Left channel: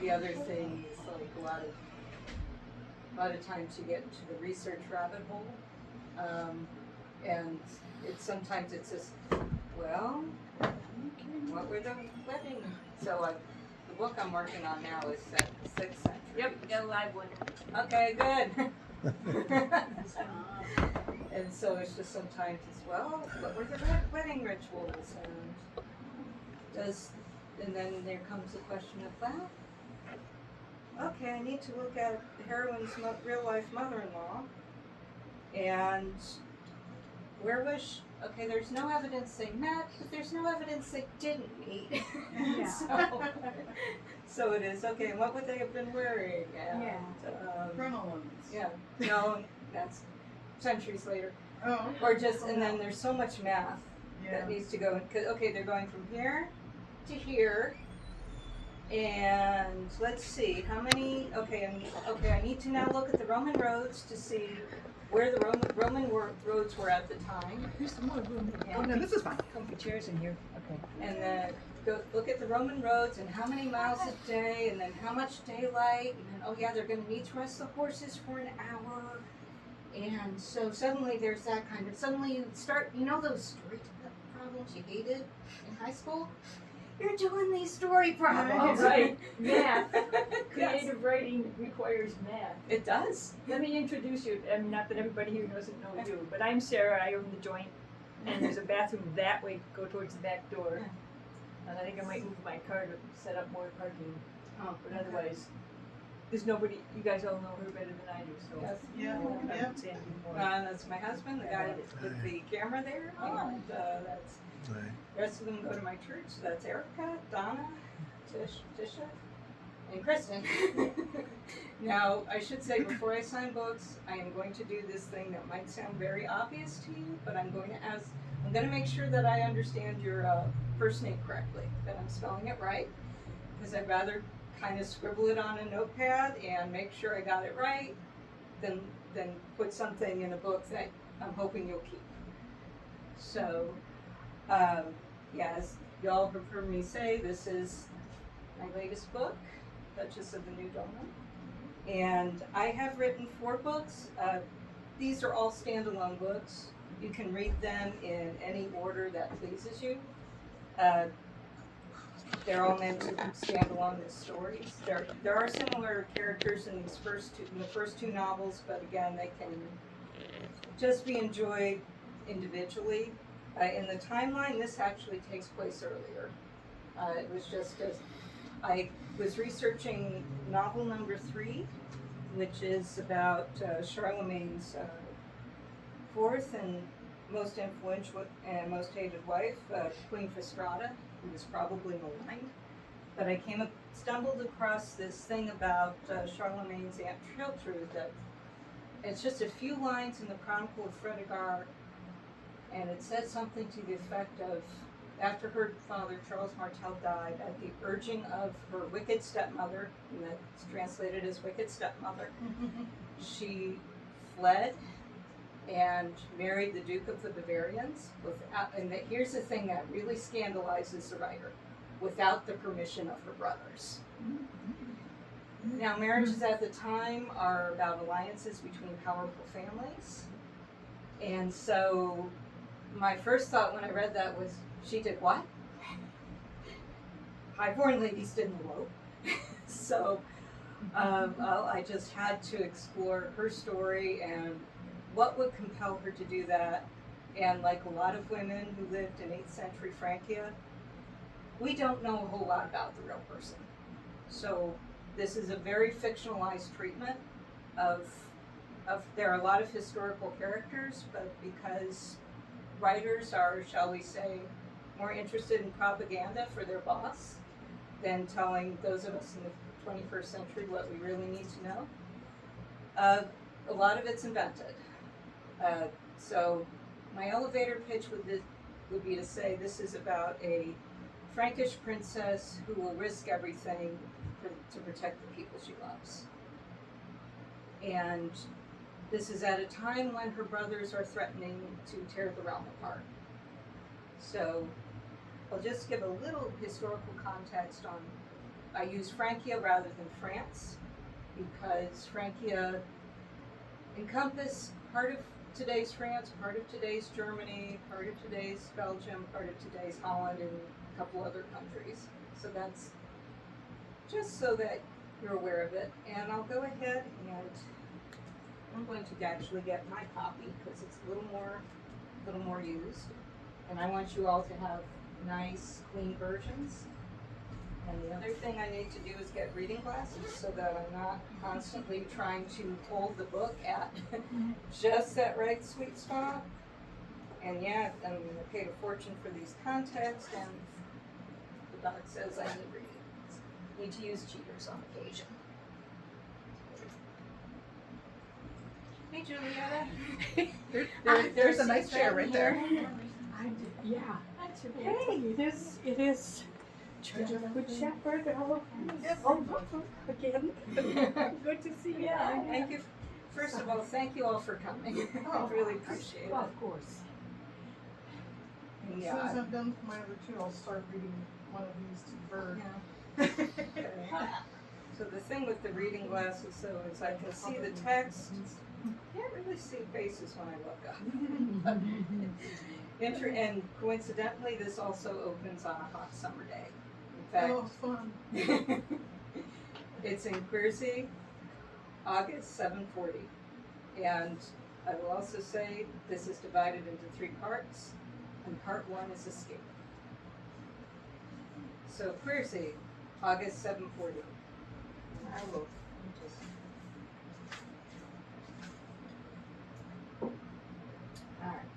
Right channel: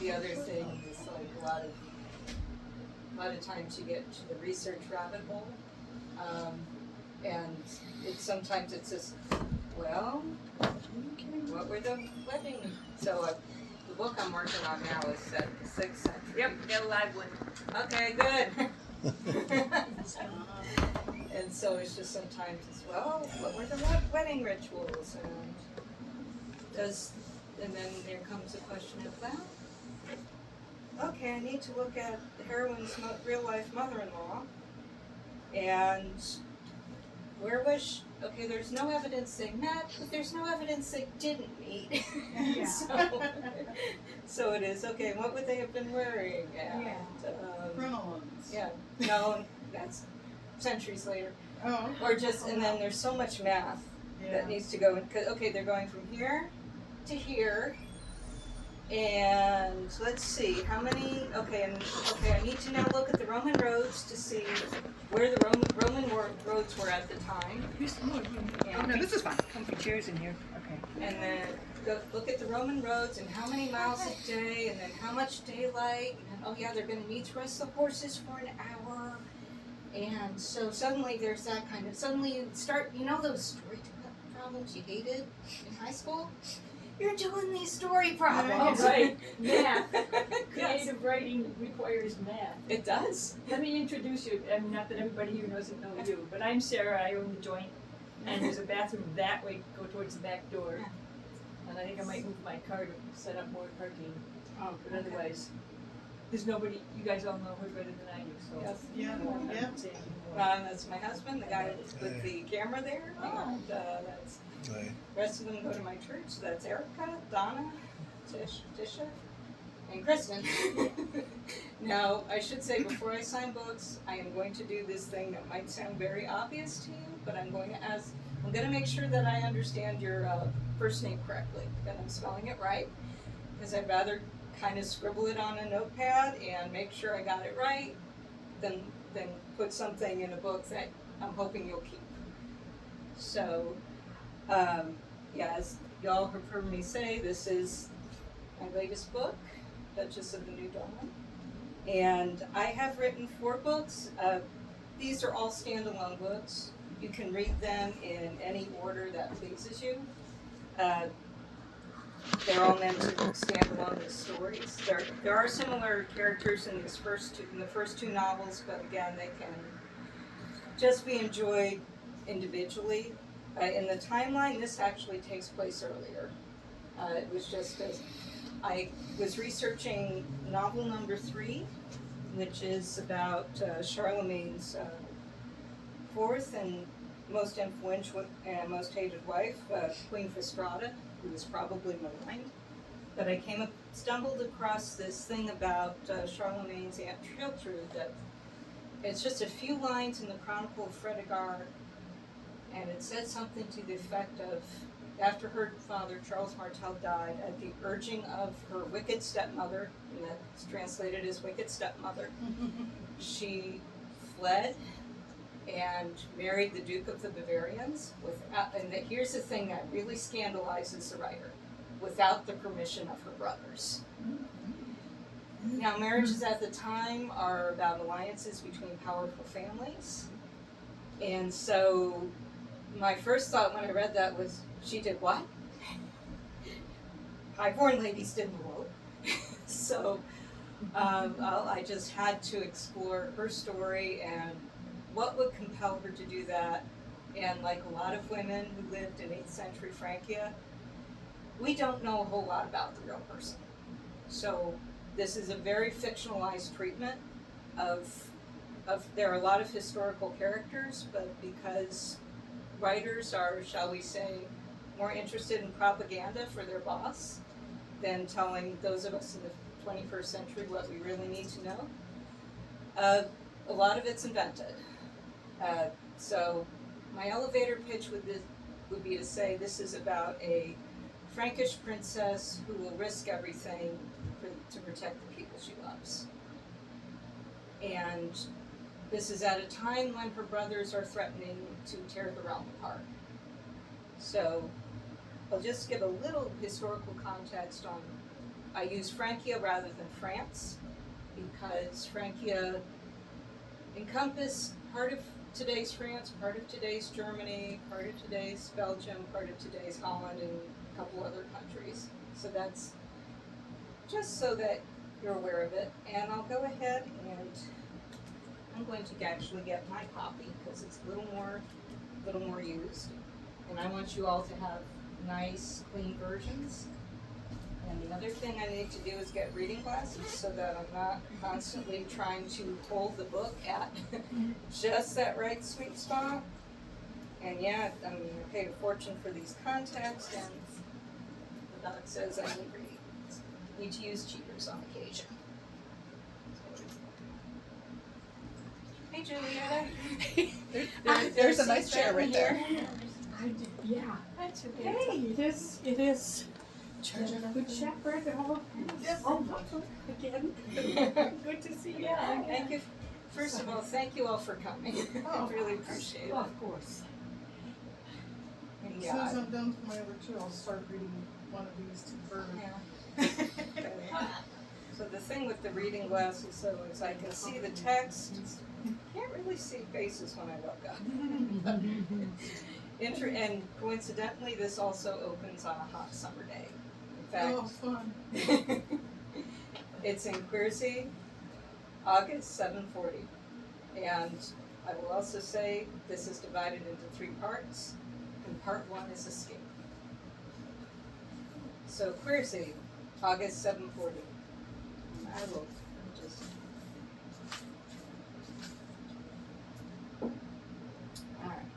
the other thing is like a lot of times you get to the research rabbit hole, and sometimes it's just, well, what were the wedding? So the book I'm working on now is set in the 6th century. Yep, got a live one. Okay, good. And so it's just sometimes it's, well, what were the wedding rituals, and then there comes the question of, well, okay, I need to look at the heroine's real life mother-in-law, and where was she? Okay, there's no evidence they met, but there's no evidence they didn't meet. So it is, okay, and what would they have been wearing? And, Crinolines. yeah, no, that's centuries later. Oh. Or just, and then there's so much math that needs to go in, cause, okay, they're going from here to here, and let's see, how many, okay, I need to now look at the Roman roads to see where the Roman roads were at the time. Here's some more room. Yeah. Oh, no, this is fine. Comfy chairs in here. Okay. And then look at the Roman roads and how many miles a day, and then how much daylight, and oh yeah, they're gonna need to rest the horses for an hour. And so suddenly there's that kind of, suddenly you start, you know those story problems you hated in high school? You're doing these story problems. Oh, right. Math. Yes. Creative writing requires math. It does. Let me introduce you. I mean, not that everybody here doesn't know you, but I'm Sarah. I own the joint, and there's a bathroom that way to go towards the back door. And I think I might move my car to set up more parking. Oh, But otherwise, there's nobody. You guys all know her better than I do, so Yes. Yeah. I won't Yeah. have to say anything more. That's my husband, the guy with the camera there. Oh. And that's, the rest of them go to my church. So that's Erica, Donna, Tisha, and Kristen. Now, I should say before I sign books, I am going to do this thing that might sound very obvious to you, but I'm going to make sure that I understand your first name correctly, that I'm spelling it right, because I'd rather kind of scribble it on a notepad and make sure I got it right than put something in a book that I'm hoping you'll keep. So, as y'all have heard me say, this is my latest book, Duchess of the New Dawn. And I have written 4 books. These are all standalone books. You can read them in any order that pleases you. They're all meant to stand alone as stories. There are similar characters in the first two novels, but again, they can just be enjoyed individually. In the timeline, this actually takes place earlier. It was just as I was researching novel number 3, which is about Charlemagne's 4th and most influential and most hated wife, Queen Fastrada, who was probably maligned. But I stumbled across this thing about Charlemagne's Aunt Triltrude that it's just a few lines in the Chronicle of Fredegar, and it said something to the effect of, after her father, Charles Martel, died, at the urging of her wicked stepmother, and that's translated as wicked stepmother, she fled and married the Duke of the Bavarians, here's the thing that really scandalizes the writer, without the permission of her brothers. Now, marriages at the time are about alliances between powerful families, and so my first thought when I read that was, she did what? Highborn ladies didn't elope. So, I just had to explore her story and what would compel her to do that. And like a lot of women who lived in 8th century Francia, we don't know a whole lot about the real person. So this is a very fictionalized treatment of there are a lot of historical characters, but because writers are, shall we say, more interested in propaganda for their boss than telling those of us in the 21st century what we really need to know, a lot of it's invented. So my elevator pitch would be to say this is about a Frankish princess who will risk everything to protect the people she loves. And this is at a time when her brothers are threatening to tear the realm apart. So I'll just give a little historical context on I use Francia rather than France because Francia encompassed part of today's France, part of today's Germany, part of today's Belgium, part of today's Holland, and a couple other countries. So that's just so that you're aware of it. And I'll go ahead and I'm going to actually get my copy because it's a little more used. And I want you all to have nice, clean versions. And the other thing I need to do is get reading glasses so that I'm not constantly trying to hold the book at just that right sweet spot. And yeah, I mean, I paid a fortune for these contacts, and the doc says I need to use cheaters on occasion. Hey, Julie, There's a nice chair right there. Yeah. Hey, it is. Church of Good Shepherd. Again. Good to see you. Yeah, thank you. First of all, thank you all for coming. I really appreciate it. Well, of course. And As soon as yeah, I'm done with my other two, I'll start reading one of these to Bird. yeah. So the thing with the reading glasses though is I can see the text. Can't really see faces when I look up. And coincidentally, this also opens on a hot summer day. In fact, Oh, fun. it's in Queersey, August 7:40. And I will also say this is divided into 3 parts, and part 1 is Escape. So Queersey, August 7:40. And I will just. Alright.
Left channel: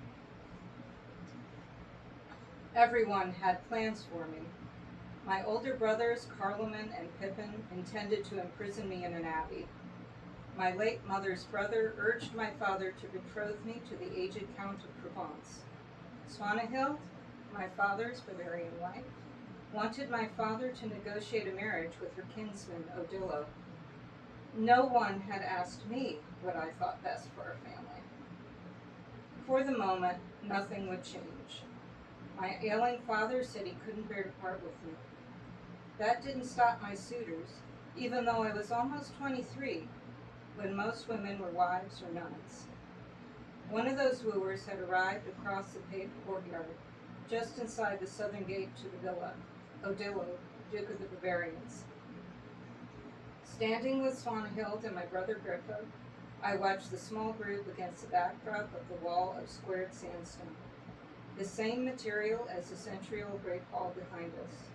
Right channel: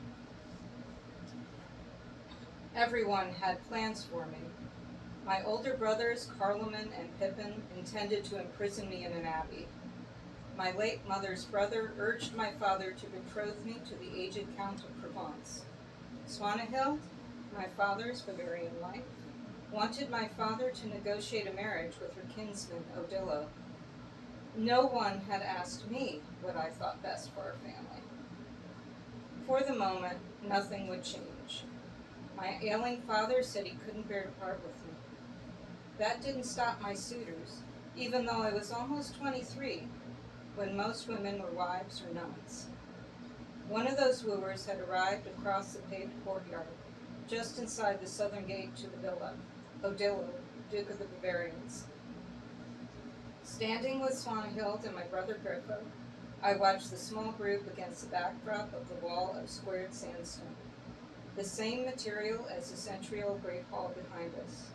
Everyone had plans for me. My older brothers, Carloman and Pippin, intended to imprison me in an abbey. My late mother's brother urged my father to betroth me to the aged Count of Provence. Swanehild, my father's Bavarian wife, wanted my father to negotiate a marriage with her kinsman, Odilo. No one had asked me what I thought best for our family. For the moment, nothing would change. My ailing father said he couldn't bear to part with me. That didn't stop my suitors, even though I was almost 23, when most women were wives or nuns. One of those wooers had arrived across the paved courtyard, just inside the southern gate to the villa, Odilo, Duke of the Bavarians. Standing with Swanehild and my brother Grifo, I watched the small group against the backdrop of the wall of squared sandstone, the same material as the centennial Great Hall behind us.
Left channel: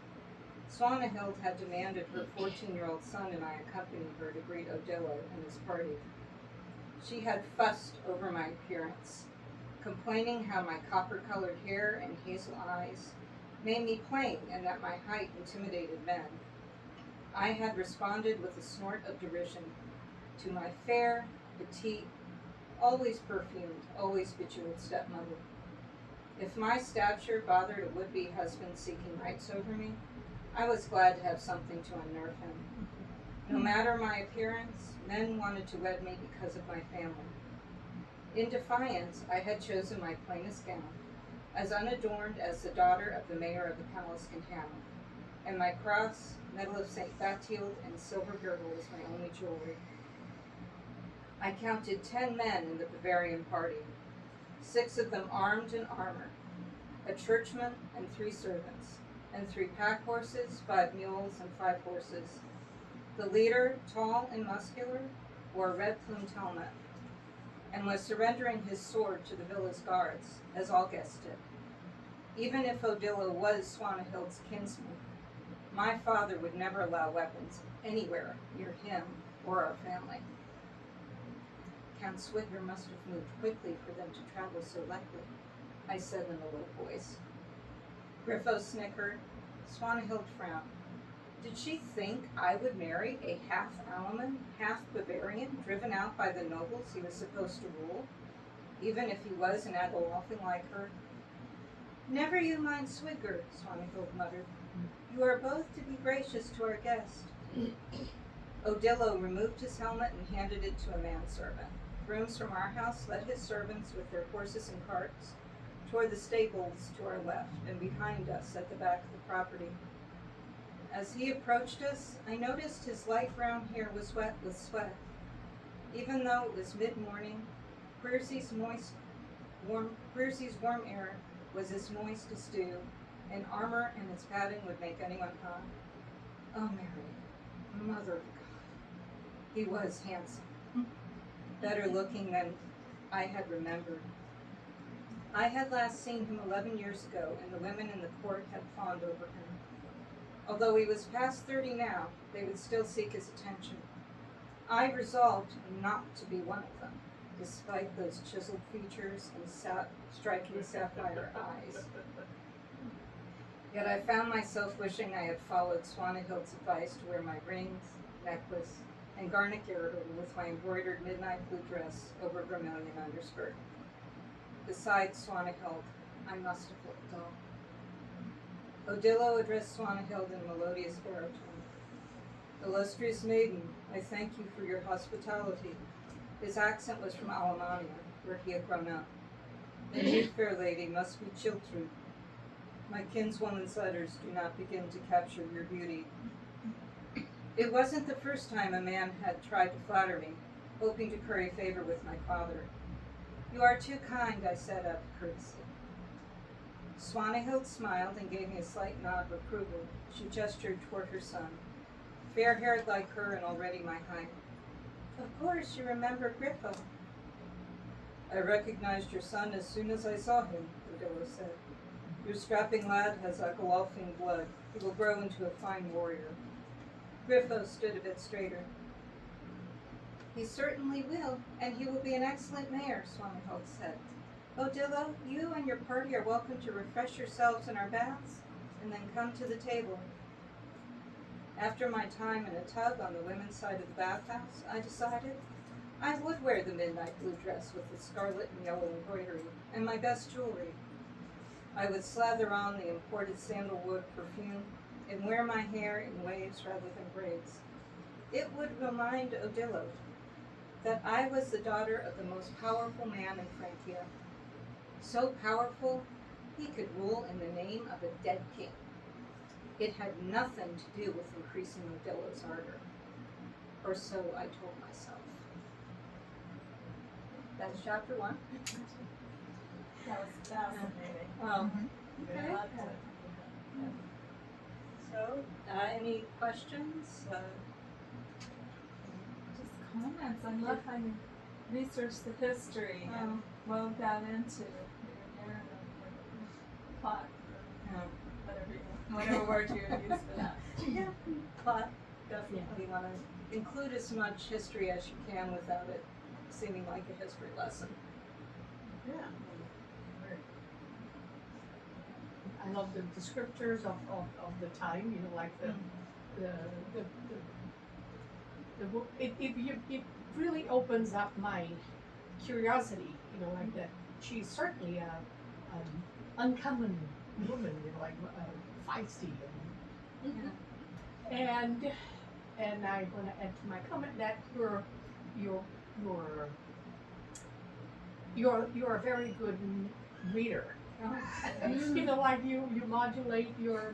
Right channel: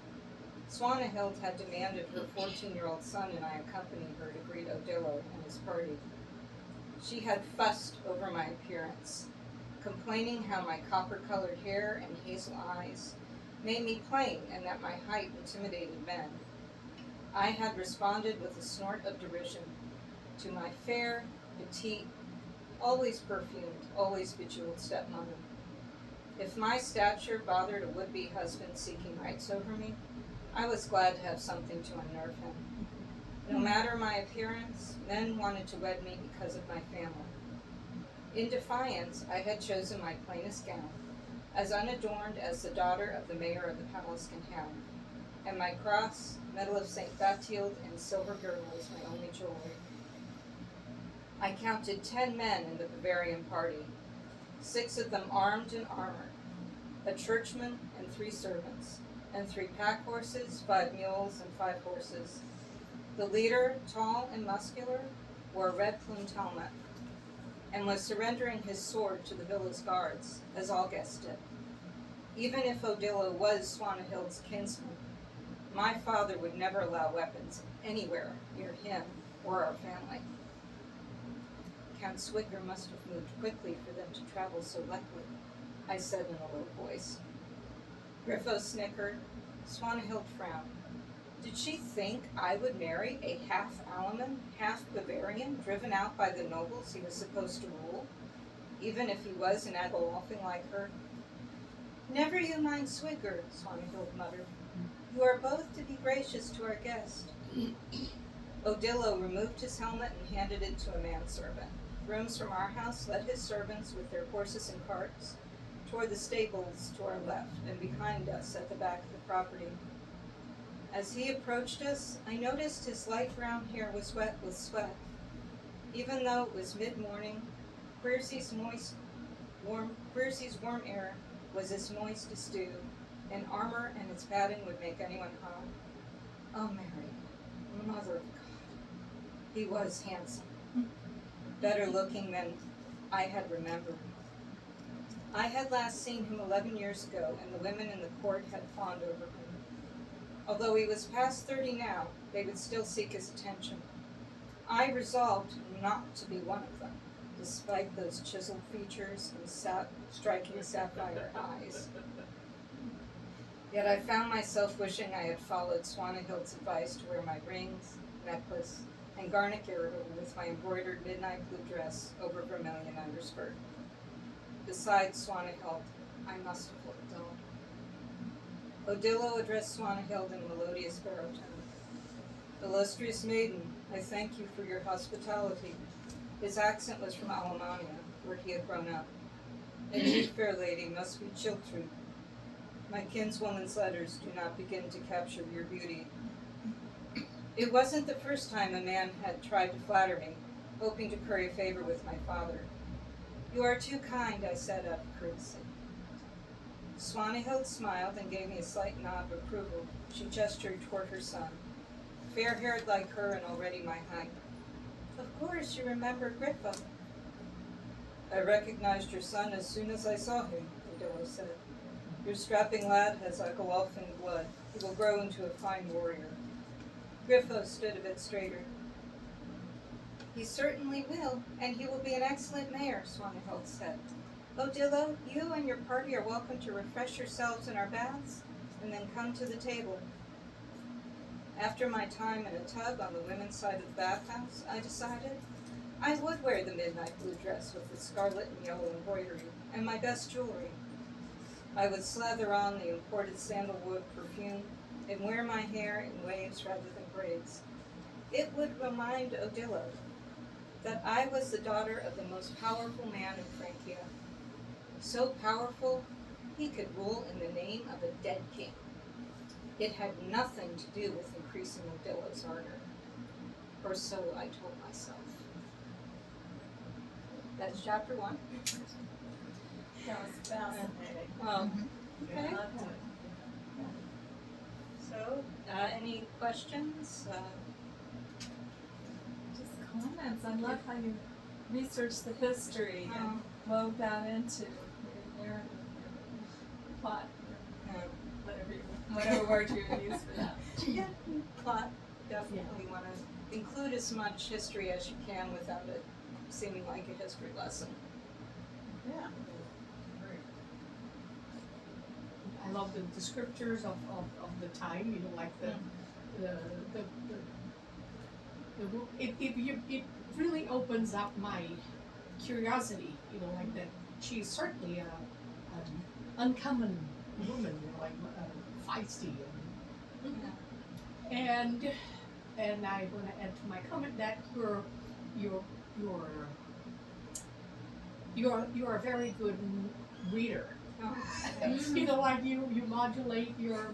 Swanehild had demanded her 14-year-old son and I accompany her to greet Odilo and his party. She had fussed over my appearance, complaining how my copper-colored hair and hazel eyes made me plain and that my height intimidated men. I had responded with a snort of derision to my fair, petite, always perfumed, always bejeweled stepmother. If my stature bothered a would-be husband seeking rights over me, I was glad to have something to unnerve him. No matter my appearance, men wanted to wed me because of my family. In defiance, I had chosen my plainest gown, as unadorned as the daughter of the mayor of the palace can have, and my cross, medal of St. Bathilde, and silver girdle was my only jewelry. I counted 10 men in the Bavarian party, 6 of them armed in armor, a churchman and 3 servants, and 3 pack horses, 5 mules, and 5 horses. The leader, tall and muscular, wore a red-plumed helmet, and was surrendering his sword to the villa's guards, as all guests did. Even if Odilo was Swanehild's kinsman, my father would never allow weapons anywhere near him or our family. Count Swigger must have moved quickly for them to travel so lightly, I said in a low voice. Grifo snickered. Swanehild frowned. Did she think I would marry a half-Alaman, half-Bavarian, driven out by the nobles he was supposed to rule, even if he was an Agololfing like her? Never you mind Swigger, Swanehild muttered. You are both to be gracious to our guest. Odilo removed his helmet and handed it to a manservant. Grooms from our house led his servants with their horses and carts toward the stables to our left and behind us at the back of the property. As he approached us, I noticed his light brown hair was wet with sweat. Even though it was mid-morning, Queersy's warm air was as moist as dew, and armor and its padding would make anyone hot. Oh, Mary, Mother of God. He was handsome, better looking than I had remembered. I had last seen him 11 years ago, and the women in the court had fawned over him. Although he was past 30 now, they would still seek his attention. I resolved not to be one of them, despite those chiseled features and striking sapphire eyes. Yet I found myself wishing I had followed Swanahild's advice to wear my rings, necklace, and garnet girdle with my embroidered midnight blue dress over vermilion underskirt. Besides Swanahild, I must have looked dull. Odillo addressed Swanahild in a melodious baritone. Illustrious maiden, I thank you for your hospitality. His accent was from Alemania, where he had grown up. And you, fair lady, must be Chiltrud. My kinswoman's letters do not begin to capture your beauty. It wasn't the first time a man had tried to flatter me, hoping to curry favor with my father. You are too kind, I said out of courtesy. Swanahild smiled and gave me a slight nod of approval. She gestured toward her son, fair-haired like her and already my height. Of course, you remember Grifo. I recognized your son as soon as I saw him, Odillo said. Your strapping lad has Agualfing blood. He will grow into a fine warrior. Grifo stood a bit straighter. He certainly will, and he will be an excellent mayor, Swanahild said. Odillo, you and your party are welcome to refresh yourselves in our baths, and then come to the table. After my time in a tub on the women's side of the bathhouse, I decided I would wear the midnight blue dress with the scarlet and yellow embroidery, and my best jewelry. I would slather on the imported sandalwood perfume and wear my hair in waves rather than braids. It would remind Odillo that I was the daughter of the most powerful man in Francia. So powerful, he could rule in the name of a dead king. It had nothing to do with increasing Odillo's ardor. Or so I told myself. That's chapter 1. That was fascinating. Okay. I loved it. So, any questions? Just comments. I love how you researched the history and wove that into your narrative, your plot, or whatever word you use for that. Yeah, plot. Definitely want to include as much history as you can without it seeming like a history lesson. Yeah. I love the descriptors of the time, you know, like the book. It really opens up my curiosity, you know, like that she's certainly an uncommon woman, you know, like feisty and I want to add to my comment that you're a very good reader. You know, like you modulate your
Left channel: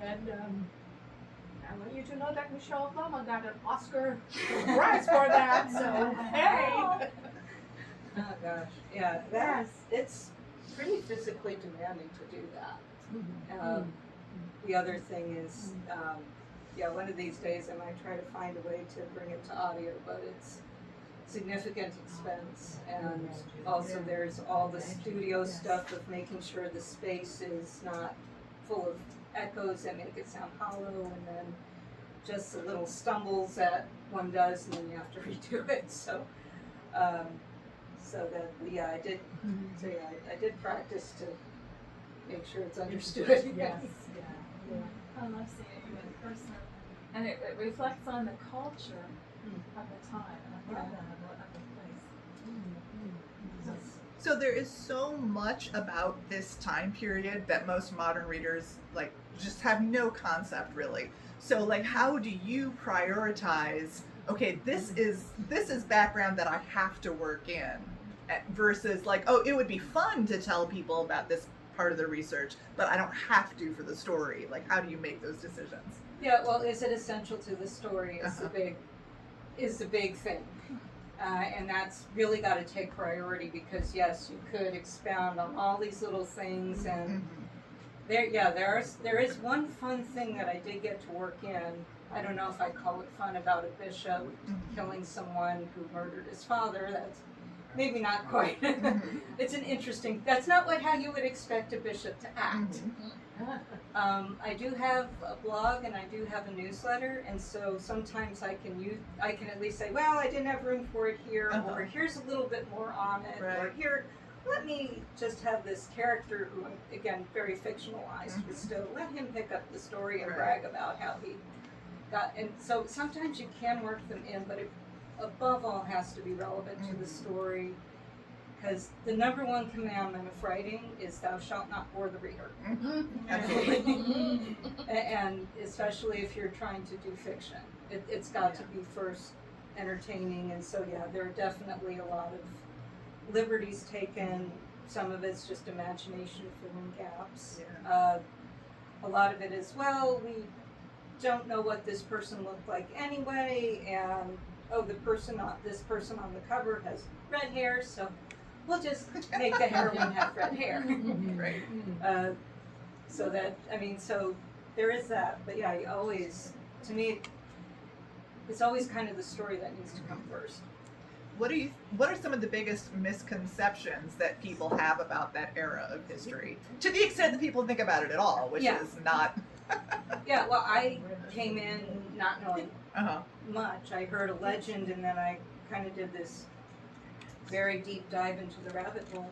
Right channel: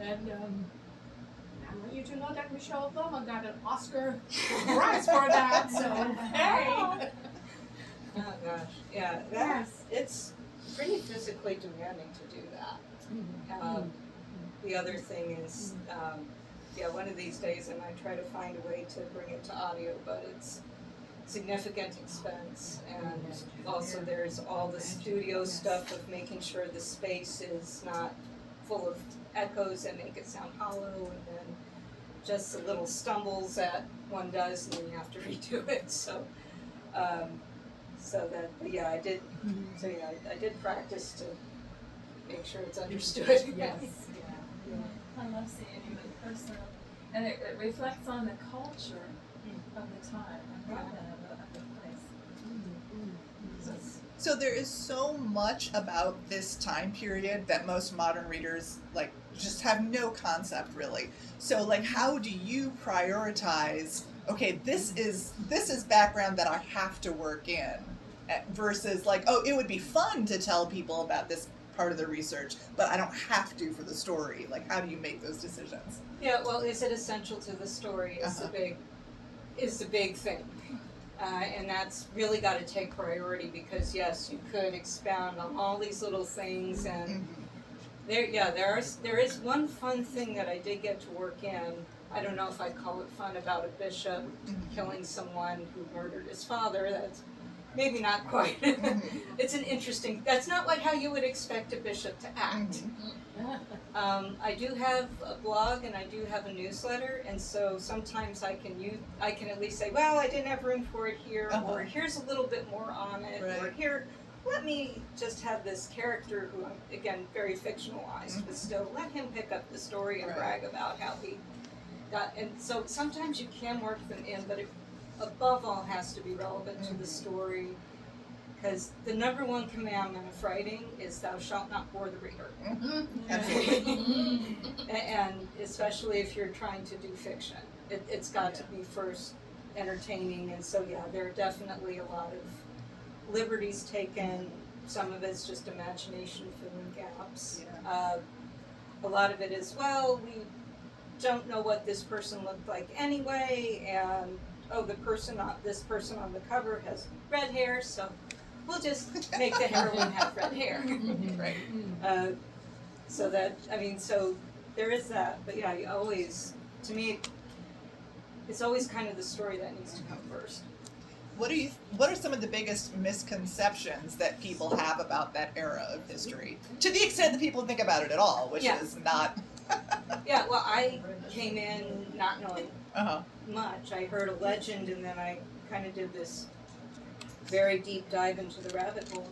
and I want you to know that Michelle Obama got an Oscar prize for that. So hey. Oh gosh, yeah, it's pretty physically demanding to do that. The other thing is, one of these days I might try to find a way to bring it to audio, but it's significant expense, and also there's all the studio stuff of making sure the space is not full of echoes that make it sound hollow, and then just the little stumbles that one does, and then you have to redo it. So, I did. So I did practice to make sure it's understood. Yes. I love seeing you in person, and it reflects on the culture of the time, of the place. So there is so much about this time period that most modern readers like just have no concept really. So like, how do you prioritize? Okay, this is background that I have to work in, versus like, oh, it would be fun to tell people about this part of the research, but I don't have to for the story. Like, how do you make those decisions? Yeah, well, is it essential to the story is Uh-huh. the big thing. And that's really got to take priority because yes, you could expound on all these little things and there is one fun thing that I did get to work in. I don't know if I call it fun about a bishop killing someone who murdered his father. That's maybe not quite. It's an interesting. That's not how you would expect a bishop to act. I do have a blog and I do have a newsletter, and so sometimes I can at least say, well, I didn't have room for it here, or here's a little bit more on it, or here, let me just have this character who, again, very fictionalized, but still let him pick up the story and brag about how he got. And so sometimes you can work them in, but it above all has to be relevant to the story. Because the number one commandment of writing is thou shalt not bore the reader. Absolutely. And especially if you're trying to do fiction. It's got to be first entertaining, and so yeah, there are definitely a lot of liberties taken. Some of it's just imagination filling gaps. A lot of it is, well, we don't know what this person looked like anyway, and this person on the cover has red hair, so we'll just make the heroine have red hair. Right. So there is that, but yeah, to me, it's always kind of the story that needs to come first. What are some of the biggest misconceptions that people have about that era of history? To the extent that people think about it at all, which is not. Yeah, well, I came in not knowing Uh-huh. much. I heard a legend, and then I kind of did this very deep dive into the rabbit hole.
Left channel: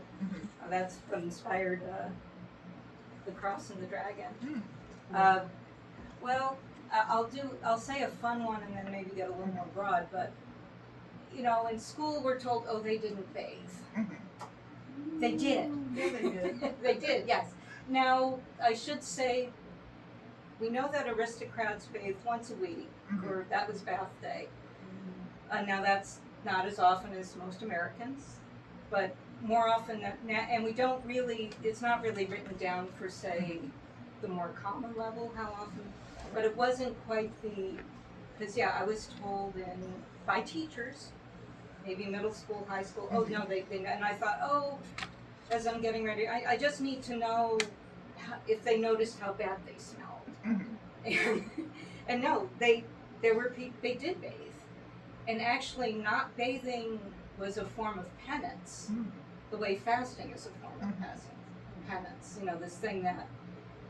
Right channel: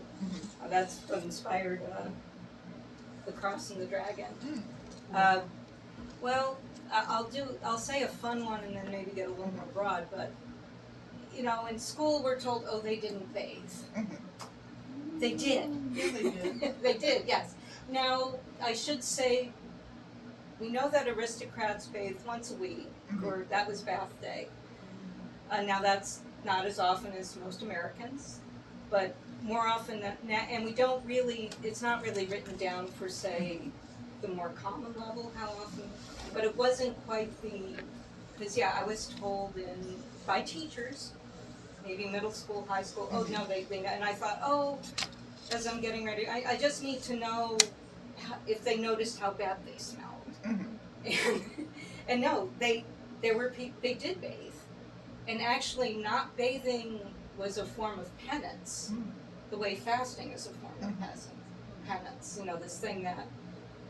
That's what inspired The Cross and the Dragon. I'll say a fun one and then maybe get a little more broad, but in school we're told, oh, they didn't bathe. They did. Yeah, they did. They did, yes. Now, I should say, we know that aristocrats bathe once a week, or that was bath day. Now that's not as often as most Americans, but more often than, and we don't really, it's not really written down for, say, the more common level, how often, but it wasn't quite because I was told by teachers, maybe middle school, high school, oh no, they and I thought, oh, as I'm getting ready, I just need to know if they noticed how bad they smelled. And no, they did bathe. And actually not bathing was a form of penance, the way fasting is a form of penance. This thing that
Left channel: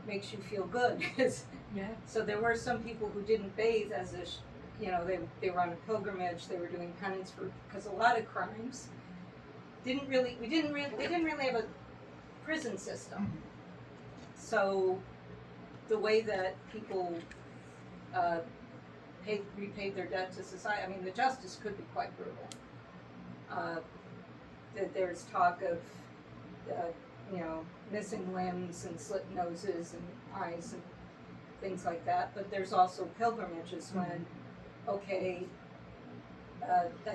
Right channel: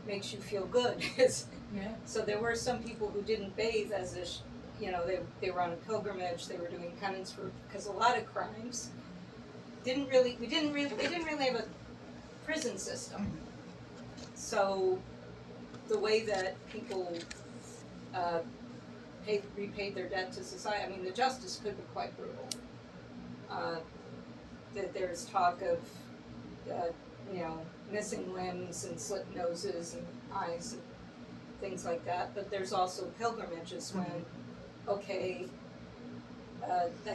makes you feel good. So there were some people who didn't bathe as they were on a pilgrimage, they were doing penance because a lot of crimes they didn't really have a prison system. So the way that people repaid their debt to society, the justice could be quite brutal. That there's talk of missing limbs and slit noses and eyes and things like that, but there's also pilgrimages when I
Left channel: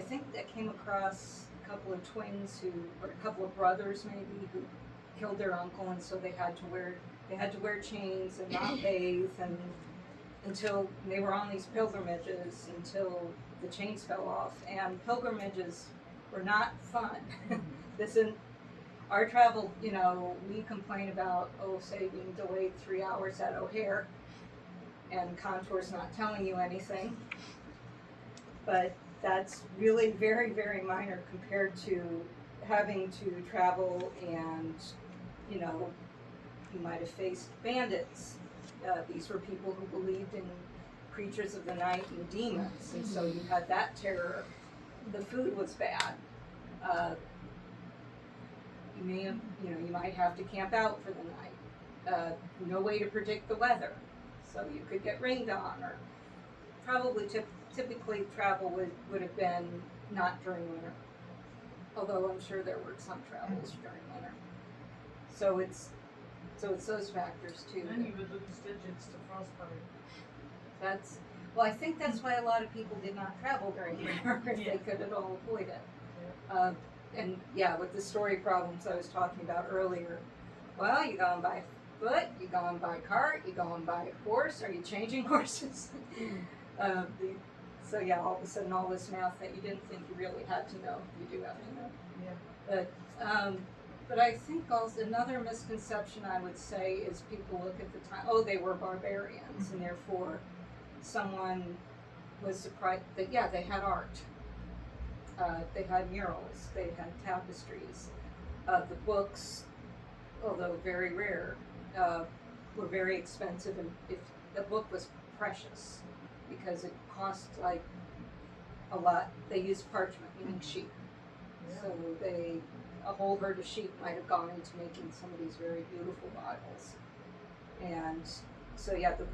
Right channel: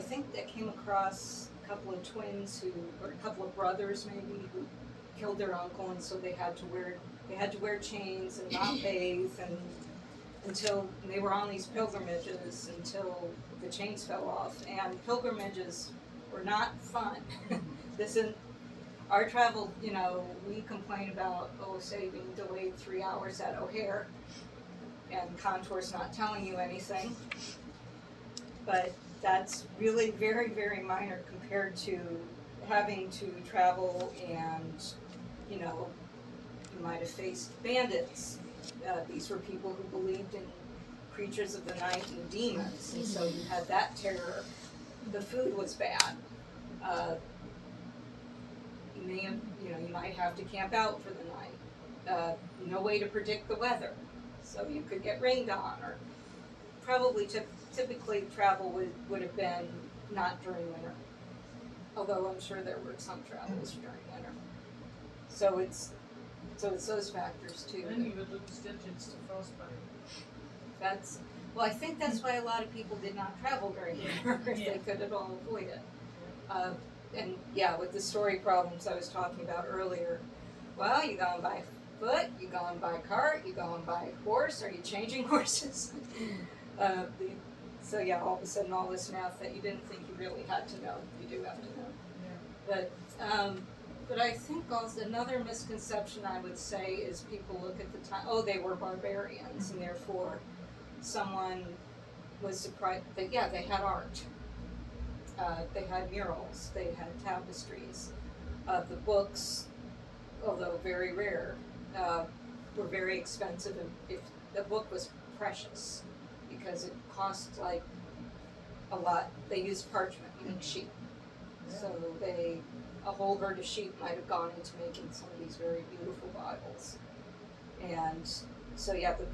think I came across a couple of twins or a couple of brothers maybe, who killed their uncle, and so they had to wear chains and not bathe until they were on these pilgrimages until the chains fell off. And pilgrimages were not fun. Our travel, we complain about, say being delayed 3 hours at O'Hare and contours not telling you anything. But that's really very, very minor compared to having to travel and, you might have faced bandits. These were people who believed in creatures of the night and demons, and so you had that terror. The food was bad. You might have to camp out for the night. No way to predict the weather, so you could get rained on, or probably typically travel would have been not during winter. Although I'm sure there were some travels during winter. So it's those factors too. Then you would lose digits to frostbite. I think that's why a lot of people did not travel during winter if they could at all avoid it. And with the story problems I was talking about earlier, well, you going by foot, you going by cart, you going by horse, are you changing horses? So yeah, all of a sudden all this math that you didn't think you really had to know, you do have to know. But I think also another misconception I would say is people look at the time, oh, they were barbarians, and therefore someone was surprised that, yeah, they had art. They had murals, they had tapestries. The books, although very rare, were very expensive, and if the book was precious because it cost like a lot. They used parchment, meaning sheep. So a whole herd of sheep might have gone into making some of these very beautiful Bibles. And so yeah, the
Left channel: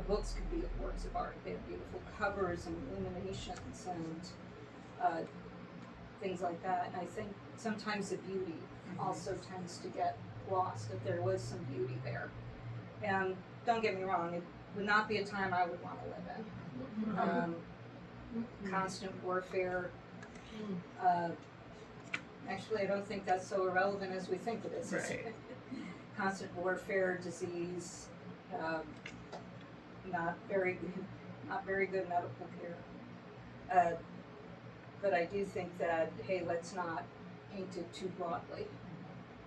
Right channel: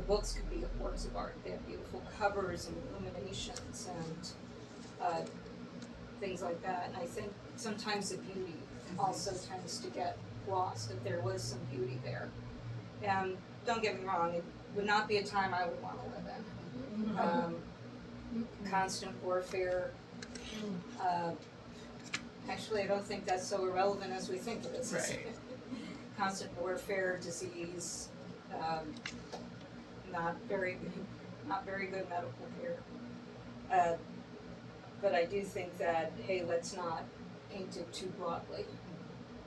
books could be works of art. They have beautiful covers and illuminations and things like that. And I think sometimes the beauty also tends to get lost, if there was some beauty there. And don't get me wrong, it would not be a time I would want to live in. Constant warfare. Actually, I don't think that's so irrelevant as we think it is. Right. Constant warfare, disease, not very good medical care. But I do think that, hey, let's not paint it too broadly.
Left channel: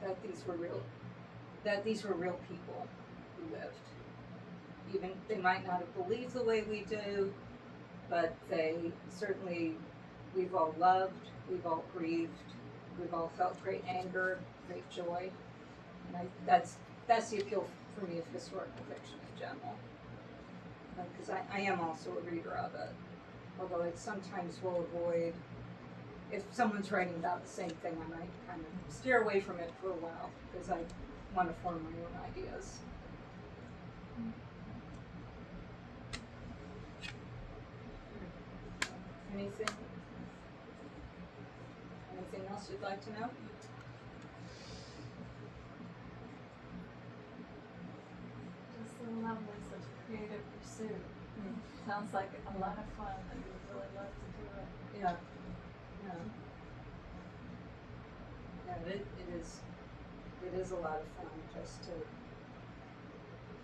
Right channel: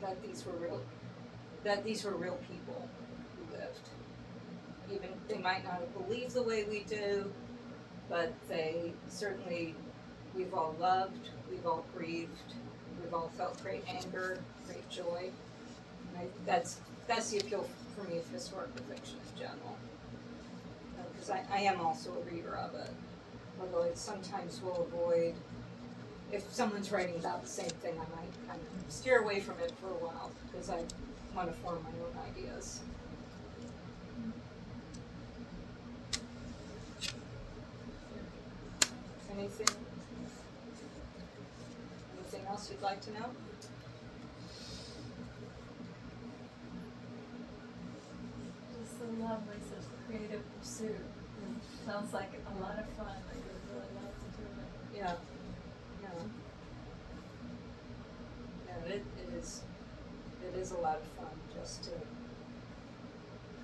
That these were real people who lived. Even they might not have believed the way we do, but we've all loved, we've all grieved, we've all felt great anger, great joy. And that's the appeal for me of historical fiction in general. Because I am also a reader of it. Although I sometimes will avoid, if someone's writing about the same thing, I might kind of steer away from it for a while because I want to form my own ideas. Anything else you'd like to know? Just the loveliness of creative pursuit. Sounds like a lot of fun. I would really love to do it. Yeah. It is a lot of fun just to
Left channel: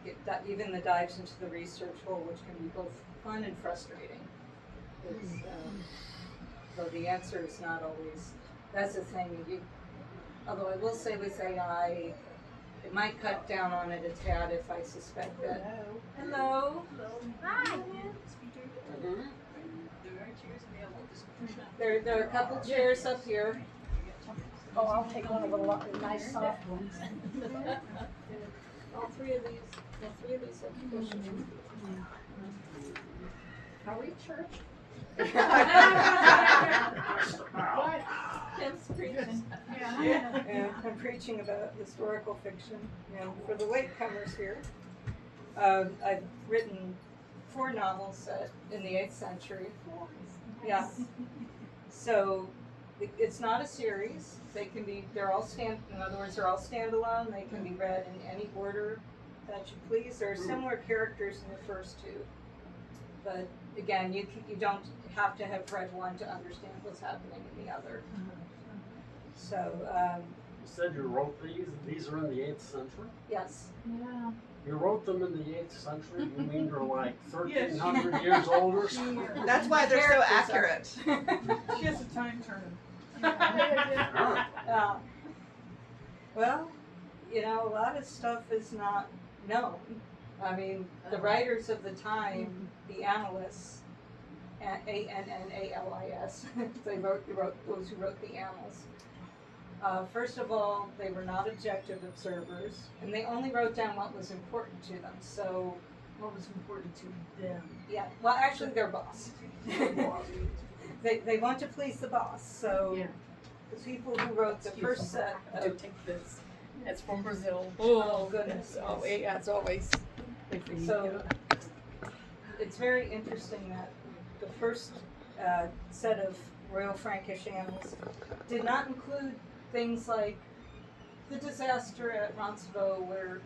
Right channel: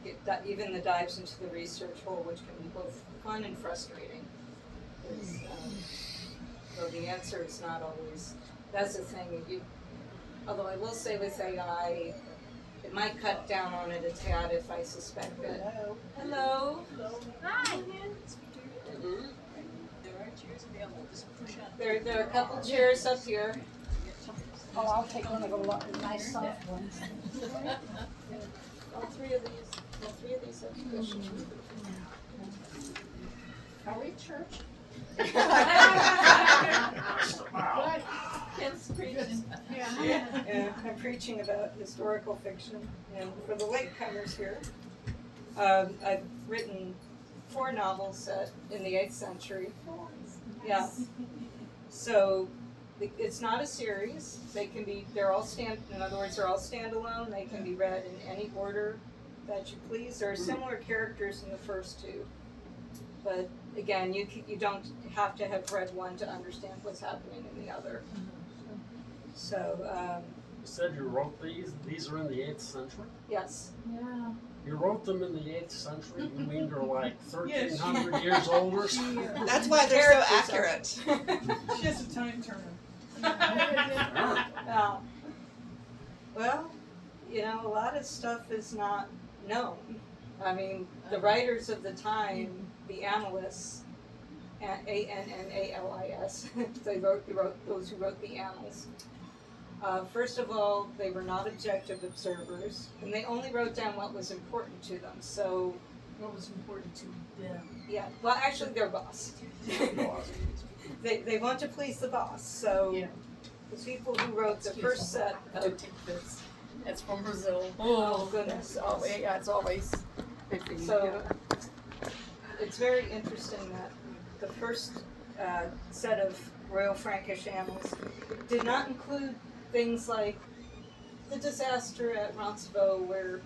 get that, even the dives into the research hole, which can be both fun and frustrating. Though the answer is not always, that's the thing, although I will say with AI, it might cut down on it a tad if I suspect that. Hello. Hi. There are a couple chairs up here. Oh, I'll take one of the nice soft ones. All three of these have cushions. Are we church? What? Kim's preaching. Yeah, I'm preaching about historical fiction. And for the latecomers here, I've written 4 novels set in the 8th century. Yeah. So it's not a series. They're all in other words, they're all standalone. They can be read in any order that you please. There are similar characters in the first 2. But again, you don't have to have read one to understand what's happening in the other. So, You said you wrote these? These are in the 8th century? yes. Yeah. You wrote them in the 8th century? You mean they're like 1,300 years old or something? That's why they're so Characters accurate. She has a time turner. Well, a lot of stuff is not known. I mean, the writers of the time, the annalists, ANNALIS, they wrote those who wrote the annals. First of all, they were not objective observers, and they only wrote down what was important to them. So, What was important to them? yeah, well, actually, their boss. They want to please the boss. So, Yeah. the people who wrote the first set To of take this. It's from Brazil. Oh, goodness. Oh, yeah, it's always. So it's very interesting that the first set of Royal Frankish annals did not include things like the disaster at Roncevaux, where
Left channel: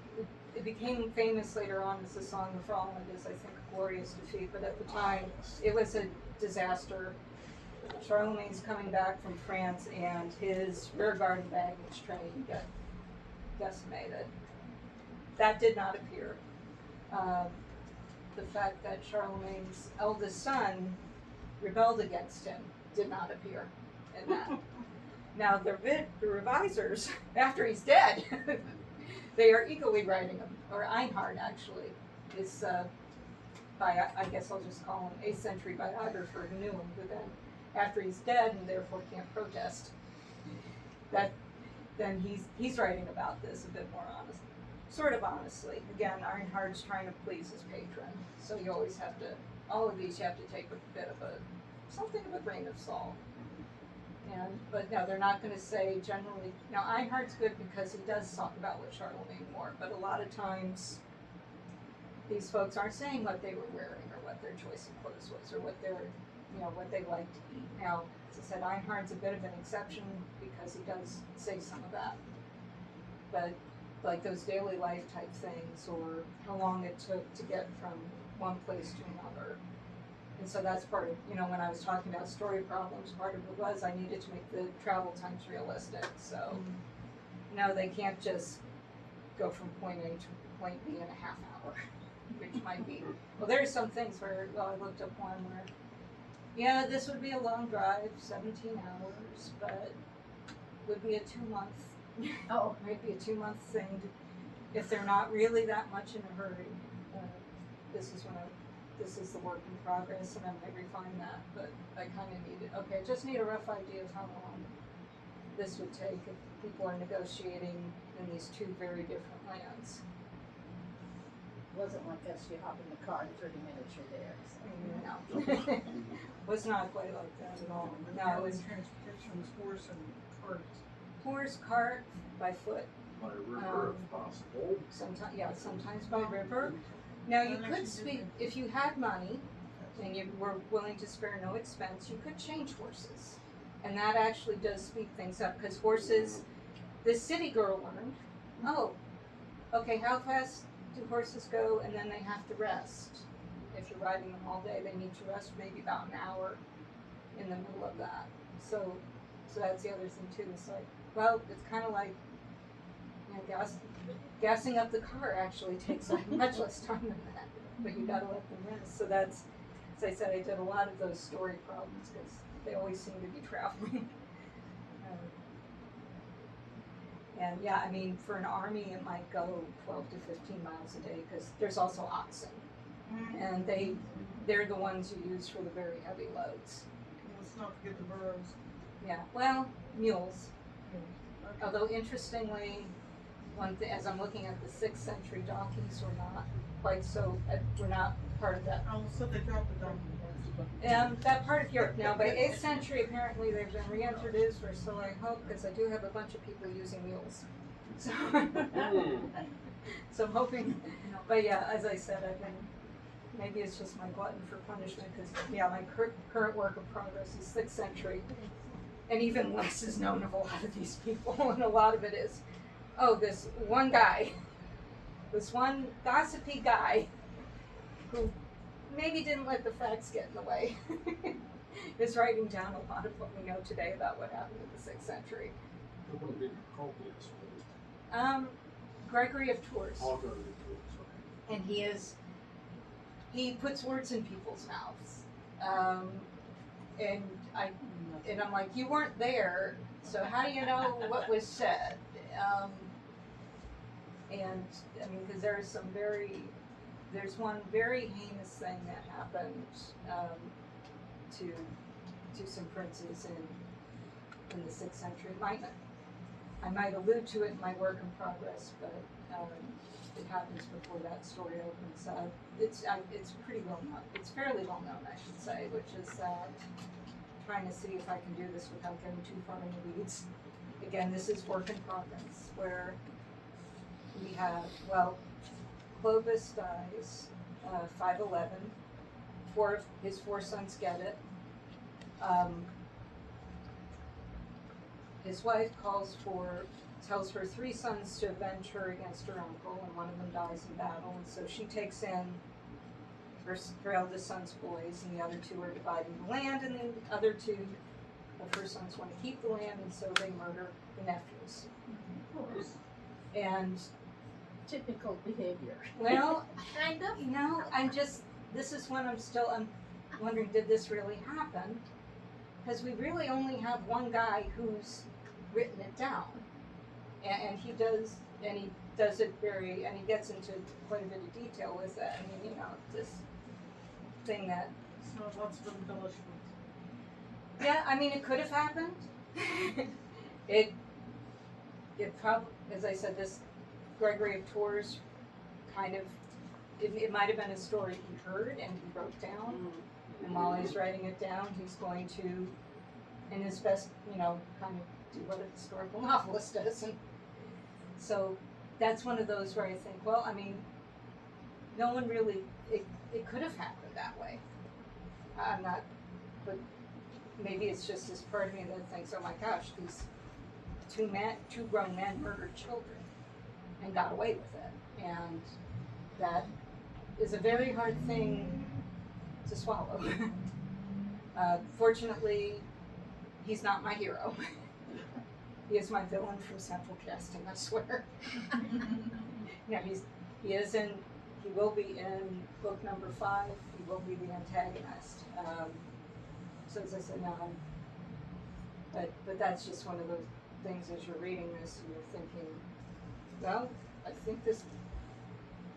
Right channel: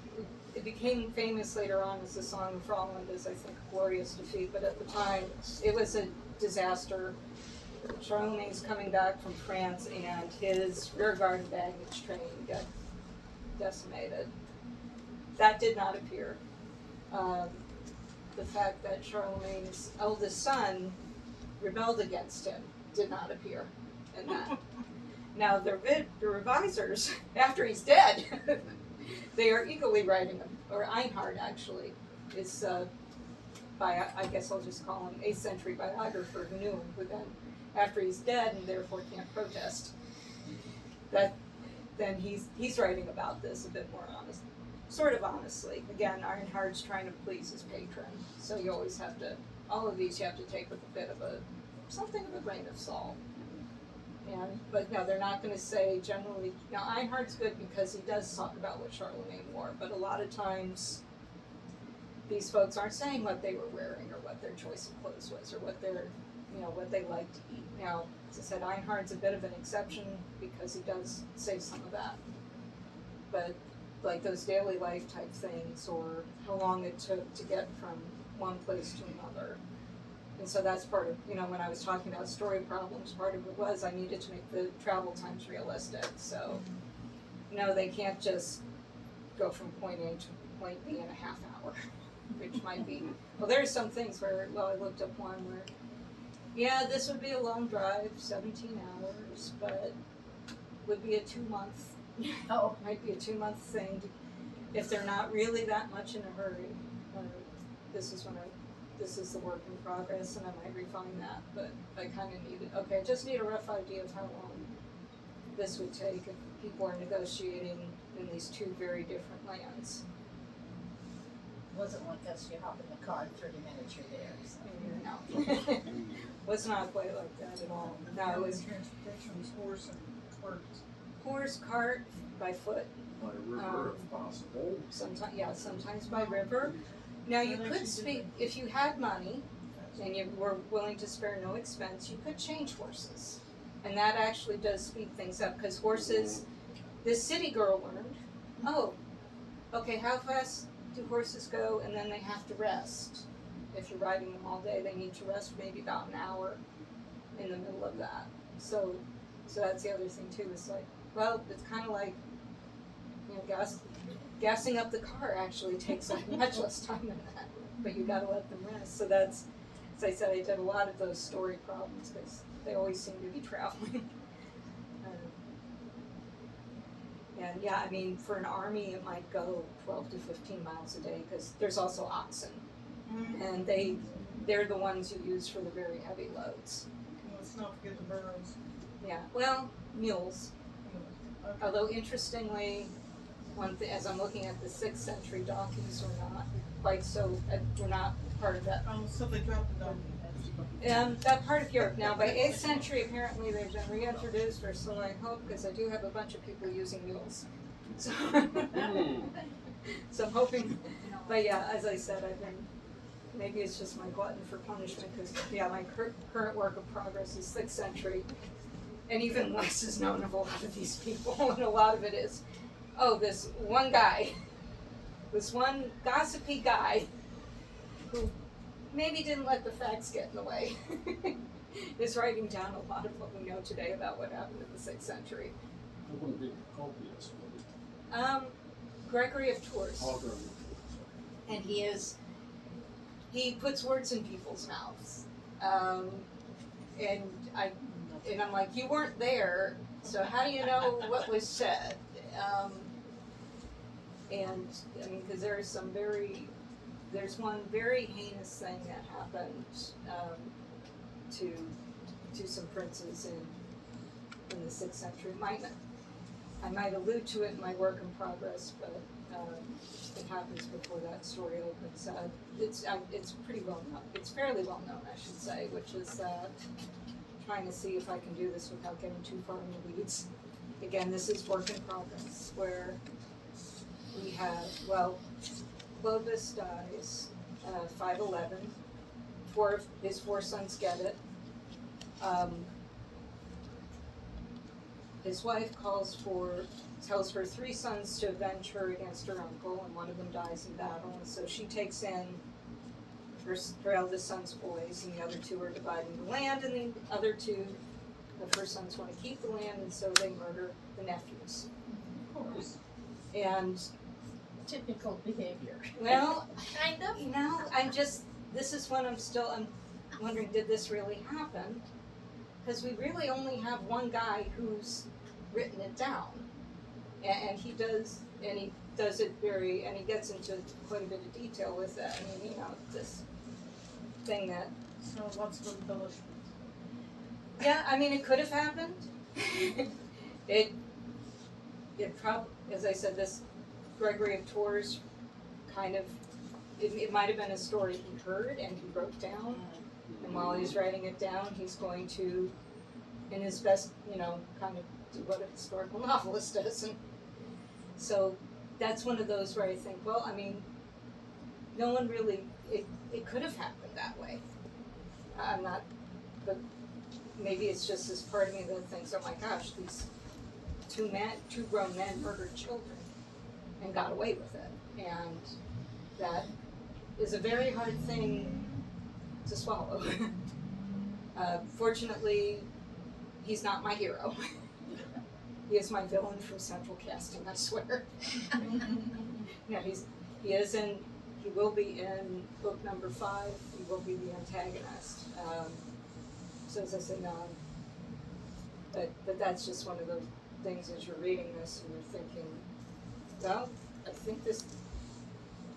it became famous later on as the Song of Roland, as I think a glorious defeat, but at the time it was a disaster. Charlemagne's coming back from France, and his rearguard baggage train got decimated. That did not appear. The fact that Charlemagne's eldest son rebelled against him did not appear in that. Now the revisers, after he's dead, they are eagerly writing him, or Einhard actually is I guess I'll just call him 8th century biographer who knew him, but then after he's dead and therefore can't protest, then he's writing about this a bit more sort of honestly. Again, Einhard's trying to please his patron, so you always have to, all of these you have to take with a bit of something of a grain of salt. But no, they're not going to say generally. Now Einhard's good because he does talk about what Charlemagne wore, but a lot of times these folks aren't saying what they were wearing or what their choice of clothes was or what what they like to eat. Now, as I said, Einhard's a bit of an exception because he does say some of that. But like those daily life type things, or how long it took to get from one place to another. And so that's part of, when I was talking about story problems, part of it was I needed to make the travel times realistic. So, they can't just go from point A to point B in a half hour, which might be, well, there's some things where, I looked up one where, yeah, this would be a long drive, 17 hours, but would be a 2-month, might be a 2-month thing if they're not really that much in a hurry. This is the work in progress, and I might refine that, but I kind of I just need a rough idea of how long this would take if people are negotiating in these two very different lands. Wasn't like us, you hop in the car in 30 minutes, you're there. So. No. Was not quite like that at all. No, it was transportation was horse and cart. horse, cart, by foot. By river if possible. Sometimes by river. Now you could speak, if you had money and you were willing to spare no expense, you could change horses. And that actually does speed things up, because horses, this city girl learned, okay, how fast do horses go, and then they have to rest. If you're riding them all day, they need to rest maybe about an hour in the middle of that. So that's the other thing too, it's like, well, it's kind of like, gassing up the car actually takes much less time than that, but you gotta let them rest. So that's, as I said, I did a lot of those story problems because they always seem to be traveling. And yeah, I mean, for an army, it might go 12 to 15 miles a day because there's also oxen, and they're the ones you use for the very heavy loads. Let's not forget the burros. Yeah, well, mules. Okay. Although interestingly, one thing, as I'm looking at the 6th century donkeys were not quite so, were not part of that. Oh, so they dropped the donkey. That part of Europe. Now, by 8th century, apparently they've been reintroduced, or so I hope, because I do have a bunch of people using mules. So, so I'm hoping, but yeah, as I said, maybe it's just my glutton for punishment, because my current work of progress is 6th century, and even less is known of a lot of these people, and a lot of it is, this one guy, this one gossipy guy, who maybe didn't let the facts get in the way, is writing down a lot of what we know today about what happened in the 6th century. We're going to be copious. Gregory of Tours. All going to be copious, okay. And he puts words in people's mouths. And I'm like, you weren't there, so how do you know what was said? And I mean, because there's one very heinous thing that happened to some princes in the 6th century. I might allude to it in my work in progress, but it happens before that story opens. It's pretty well known. It's fairly well known, I should say, which is that trying to see if I can do this without getting too far in the weeds. Again, this is work in progress, where we have, Clovis dies, 511. His four sons get it. His wife tells her 3 sons to avenge her against her uncle, and one of them dies in battle, and so she takes in her eldest son's boys, and the other 2 are dividing the land, and the other 2 of her sons want to keep the land, and so they murder the nephews. Of course. And, Typical behavior. well, Kind of. you know, this is when I'm wondering, did this really happen? Because we really only have one guy who's written it down. And he does it and he gets into quite a bit of detail with it. I mean, you know, this thing that, So lots of embellishments. yeah, I mean, it could have happened. it probably, as I said, this Gregory of Tours kind of, it might have been a story he heard and he wrote down. And while he's writing it down, he's going to, in his best, you know, kind of do what a historical novelist does. And so that's one of those where I think, well, I mean, no one really, it could have happened that way. I'm not, but maybe it's just this part of me that thinks, oh my gosh, these two grown men murdered children and got away with it. And that is a very hard thing to swallow. Fortunately, he's not my hero. He is my villain from Central Casting, I swear. Yeah, he will be in book number 5. He will be the antagonist. So as I said, but that's just one of the things as you're reading this and you're thinking, well, I think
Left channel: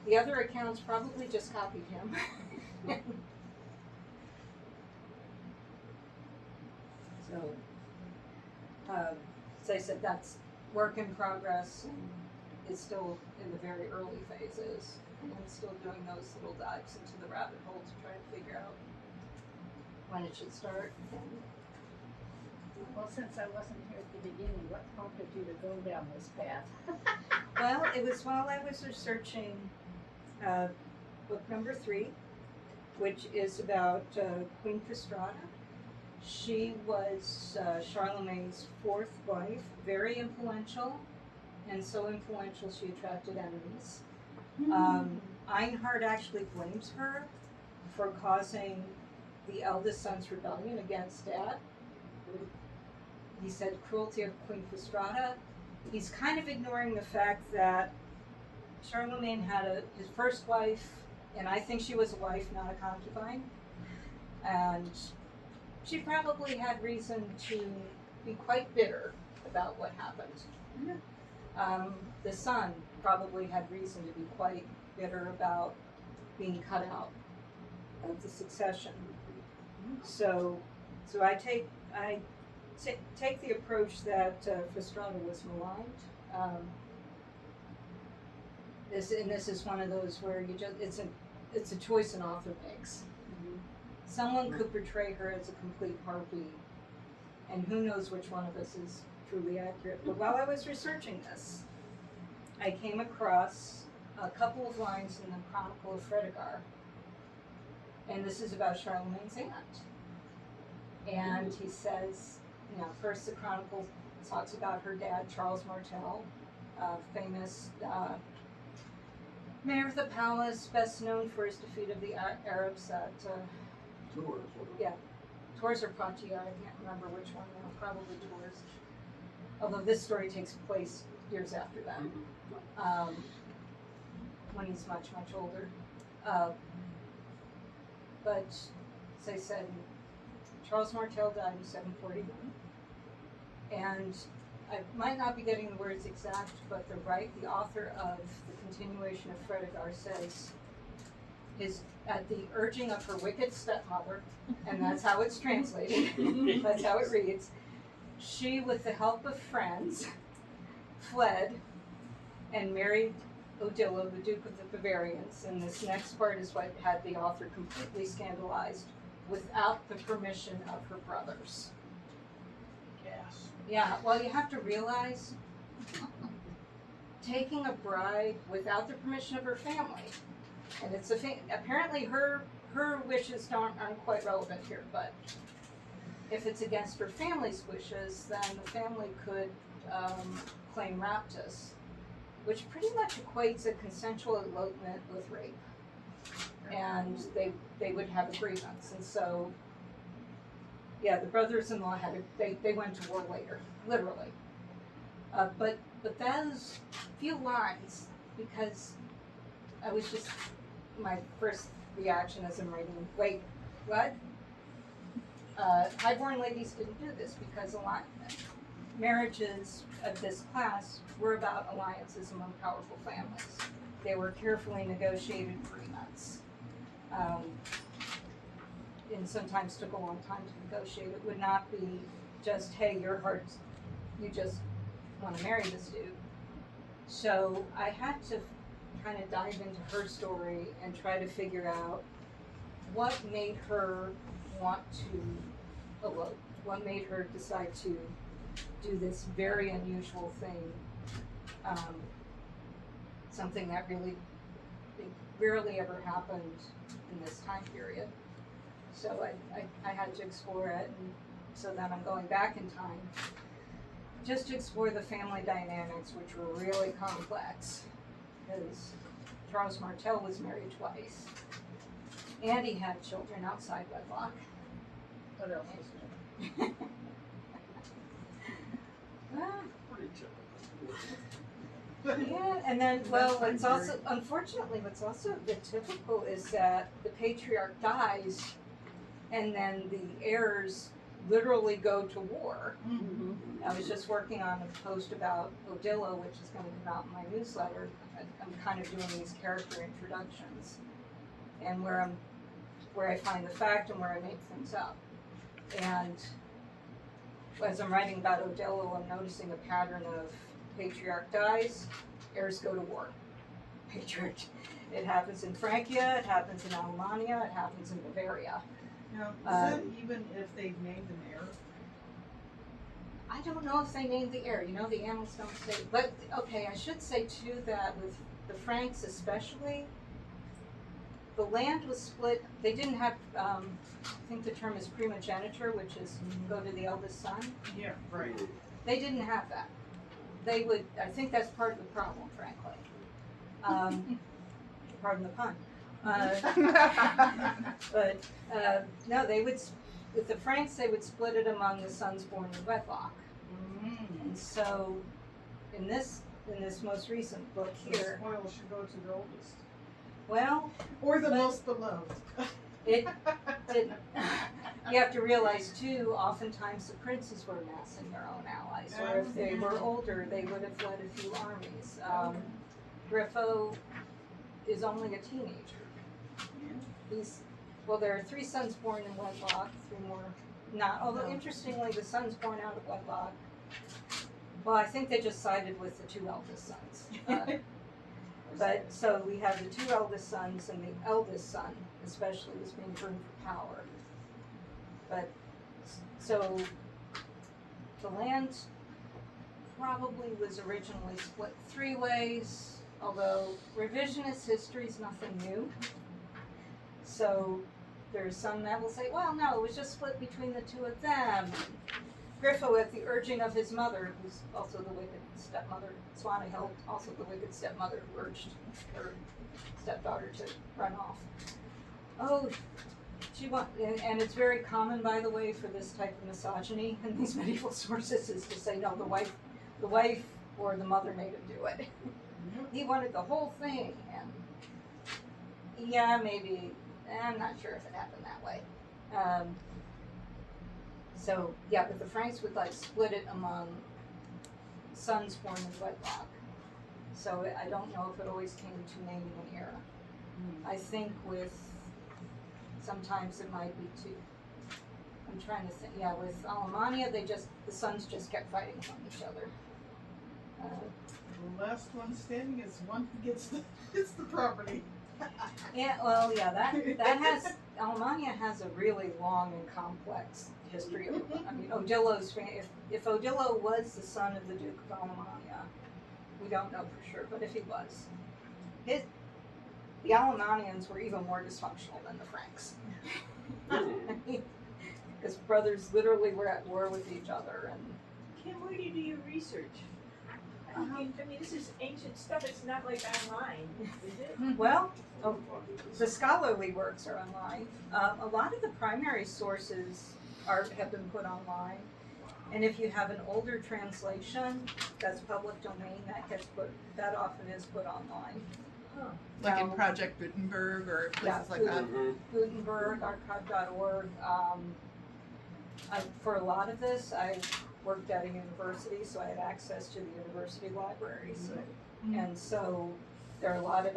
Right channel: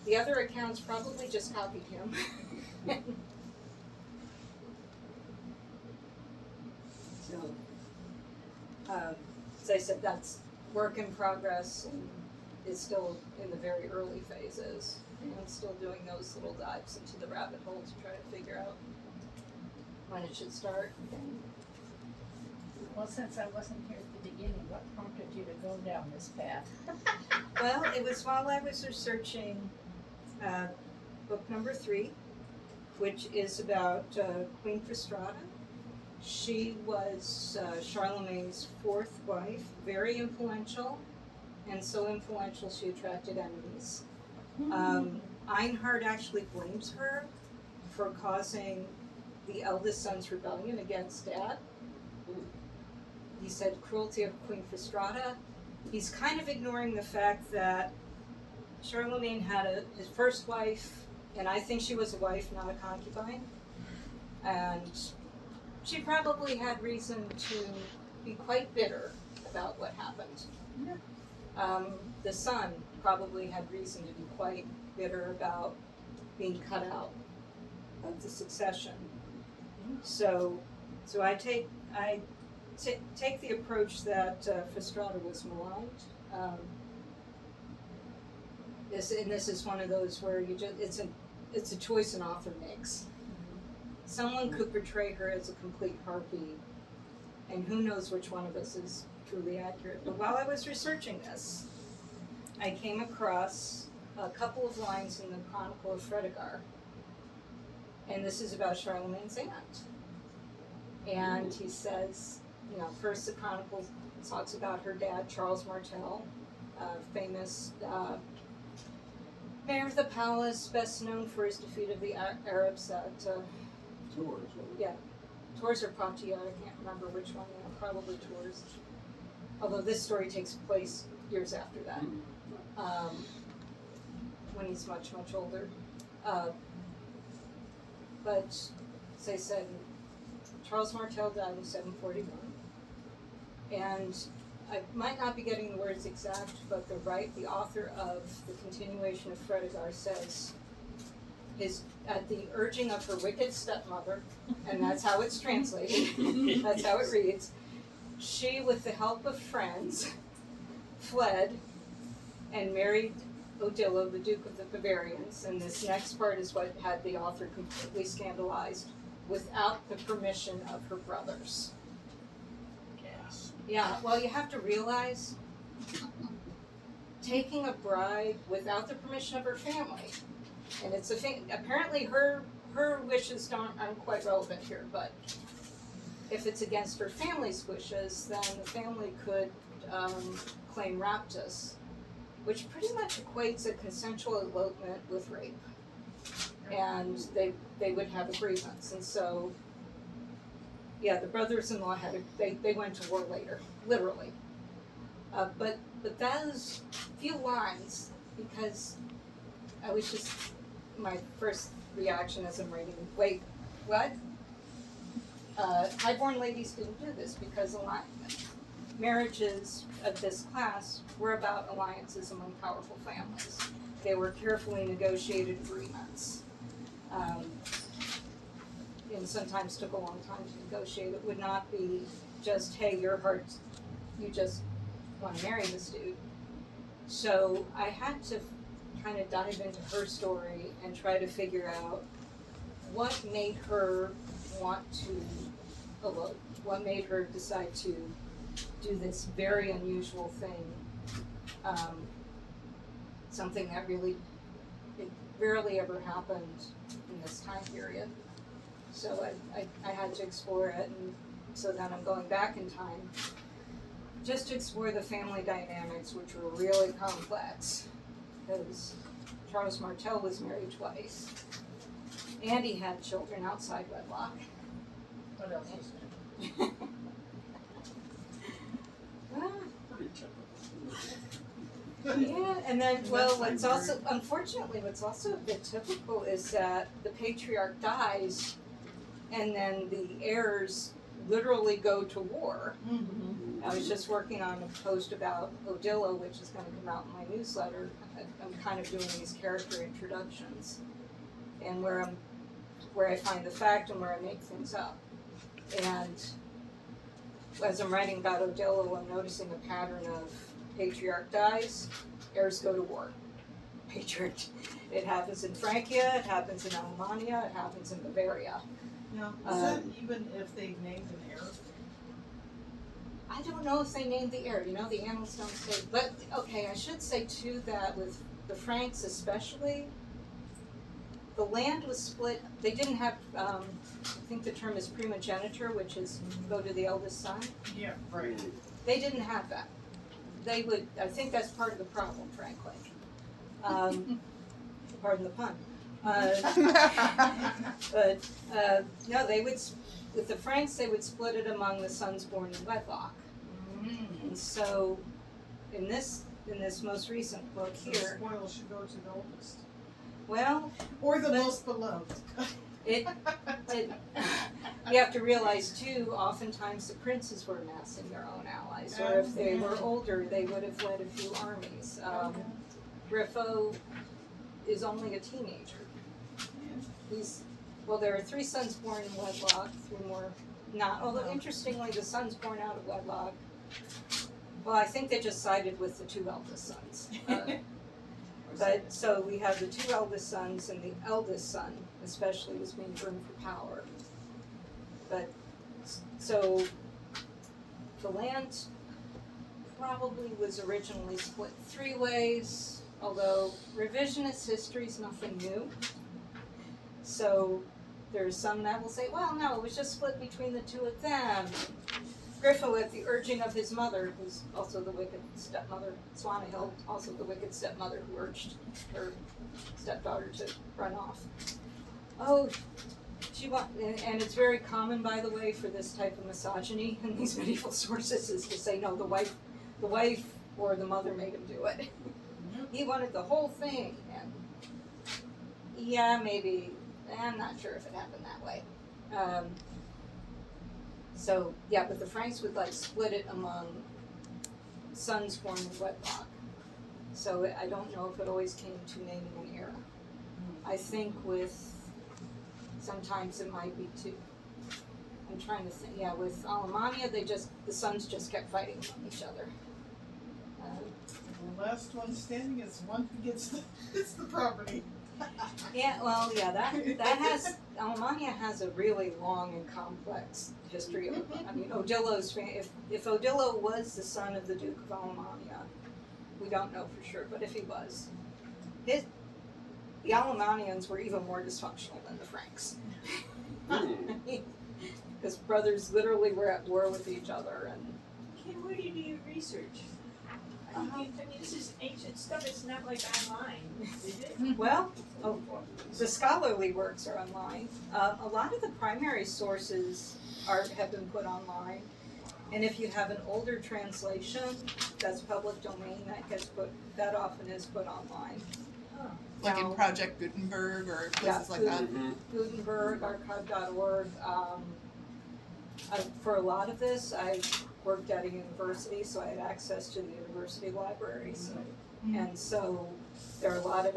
the other accounts probably just copied him. So, as I said, that's work in progress and is still in the very early phases and still doing those little dives into the rabbit hole to try to figure out when it should start. And, Well, since I wasn't here at the beginning, what prompted you to go down this path? well, it was while I was researching book number 3, which is about Queen Fastrada. She was Charlemagne's 4th wife, very influential, and so influential she attracted enemies. Einhard actually blames her for causing the eldest son's rebellion against dad. He said cruelty of Queen Fastrada. He's kind of ignoring the fact that Charlemagne had his first wife, and I think she was a wife, not a concubine. And she probably had reason to be quite bitter about what happened. The son probably had reason to be quite bitter about being cut out of the succession. So I take the approach that Fastrada was maligned. This is one of those where it's a choice an author makes. Someone could portray her as a complete harpy, and who knows which one of us is truly accurate. But while I was researching this, I came across a couple of lines in the Chronicle of Fredegar, and this is about Charlemagne's aunt. And he says, you know, first the Chronicle talks about her dad, Charles Martel, famous mayor of the palace, best known for his defeat of the Arabs at Tours or Poitiers, I can't remember which one, probably Tours. Although this story takes place years after that, when he's much, much older. But, as I said, Charles Martel died in 741. And I might not be getting the words exact, but the author of the continuation of Fredegar says, at the urging of her wicked stepmother, and that's how it's translated, that's how it reads, she, with the help of friends, fled and married Odilo, the Duke of the Bavarians, and this next part is what had the author completely scandalized, without the permission of her brothers. Yes. Yeah, well, you have to realize, taking a bride without the permission of her family, and it's a thing, apparently her wishes aren't quite relevant here, but if it's against her family's wishes, then the family could claim raptus, which pretty much equates a consensual elopement with rape. And they would have a grievance. And so, yeah, the brothers-in-law they went to war later, literally. But those few lines, because I was just, my first reaction as I'm reading, wait, what? Highborn ladies didn't do this because marriages of this class were about alliances among powerful families. They were carefully negotiated agreements. And sometimes took a long time to negotiate. It would not be just, hey, your heart's, you just want to marry this dude. So I had to kind of dive into her story and try to figure out what made her want to elope, what made her decide to do this very unusual thing, something that really rarely ever happened in this time period. So I had to explore it, and so then I'm going back in time just to explore the family dynamics, which were really complex, because Charles Martel was married twice, and he had children outside wedlock. What else was there? Pretty typical. Yeah, and then, well, That's what's like also, unfortunately, what's also a bit typical is that the patriarch dies, and then the heirs literally go to war. I was just working on a post about Odillo, which is gonna come out in my newsletter. I'm kind of doing these character introductions, and where I find the fact and where I make things up. And as I'm writing about Odillo, I'm noticing a pattern of patriarch dies, heirs go to war. Patriarch, it happens in Francia, it happens in Alemannia, it happens in Bavaria. Now, is that even if they've named an heir? I don't know if they named the heir, the annals don't say, but, okay, I should say too that with the Franks especially, the land was split, they didn't have, I think the term is primogeniture, which is go to the eldest son. Yeah, right. They didn't have that. They would, I think that's part of the problem, frankly. Pardon the pun. But no, they would, with the Franks, they would split it among the sons born in wedlock. And so, in this most recent book The here, spoils should go to the oldest. well, Or the most beloved. it you have to realize too, oftentimes the princes were amassing their own allies, or if they were older, they would have led a few armies. Griffo is only a teenager. There are 3 sons born in wedlock, 3 more not, although interestingly, the sons born out of wedlock, well, I think they just sided with the 2 eldest sons. But, so we have the 2 eldest sons, and the eldest son especially was being groomed for power. But, so, the land probably was originally split 3 ways, although revisionist history is nothing new. So, there's some that will say, well, no, it was just split between the 2 of them. Griffo, at the urging of his mother, who's also the wicked stepmother, Swanehild, also the wicked stepmother who urged her stepdaughter to run off. Oh, and it's very common, by the way, for this type of misogyny in these medieval sources, is to say, no, the wife or the mother made him do it. He wanted the whole thing, and yeah, maybe, I'm not sure if it happened that way. So, yeah, but the Franks would split it among sons born in wedlock. So I don't know if it always came to naming an era. I think sometimes it might be too, I'm trying to think, yeah, with Alemannia, the sons just kept fighting among each other. The last one standing is one who gets the property. Yeah, well, yeah, that has, Alemannia has a really long and complex history. I mean, Odillo's, if Odillo was the son of the Duke of Alemannia, we don't know for sure, but if he was, the Alemannians were even more dysfunctional than the Franks. Because brothers literally were at war with each other, and Kim, where do you do your research? I mean, this is ancient stuff, it's not like online, is it? well, the scholarly works are online. A lot of the primary sources have been put online. And if you have an older translation that's public domain, that often is put online. Like in Now- Project Gutenberg or places like that. Mhm. Gutenberg, archive.org. For a lot of this, I worked at a university, so I had access to the university libraries. And so there are a lot of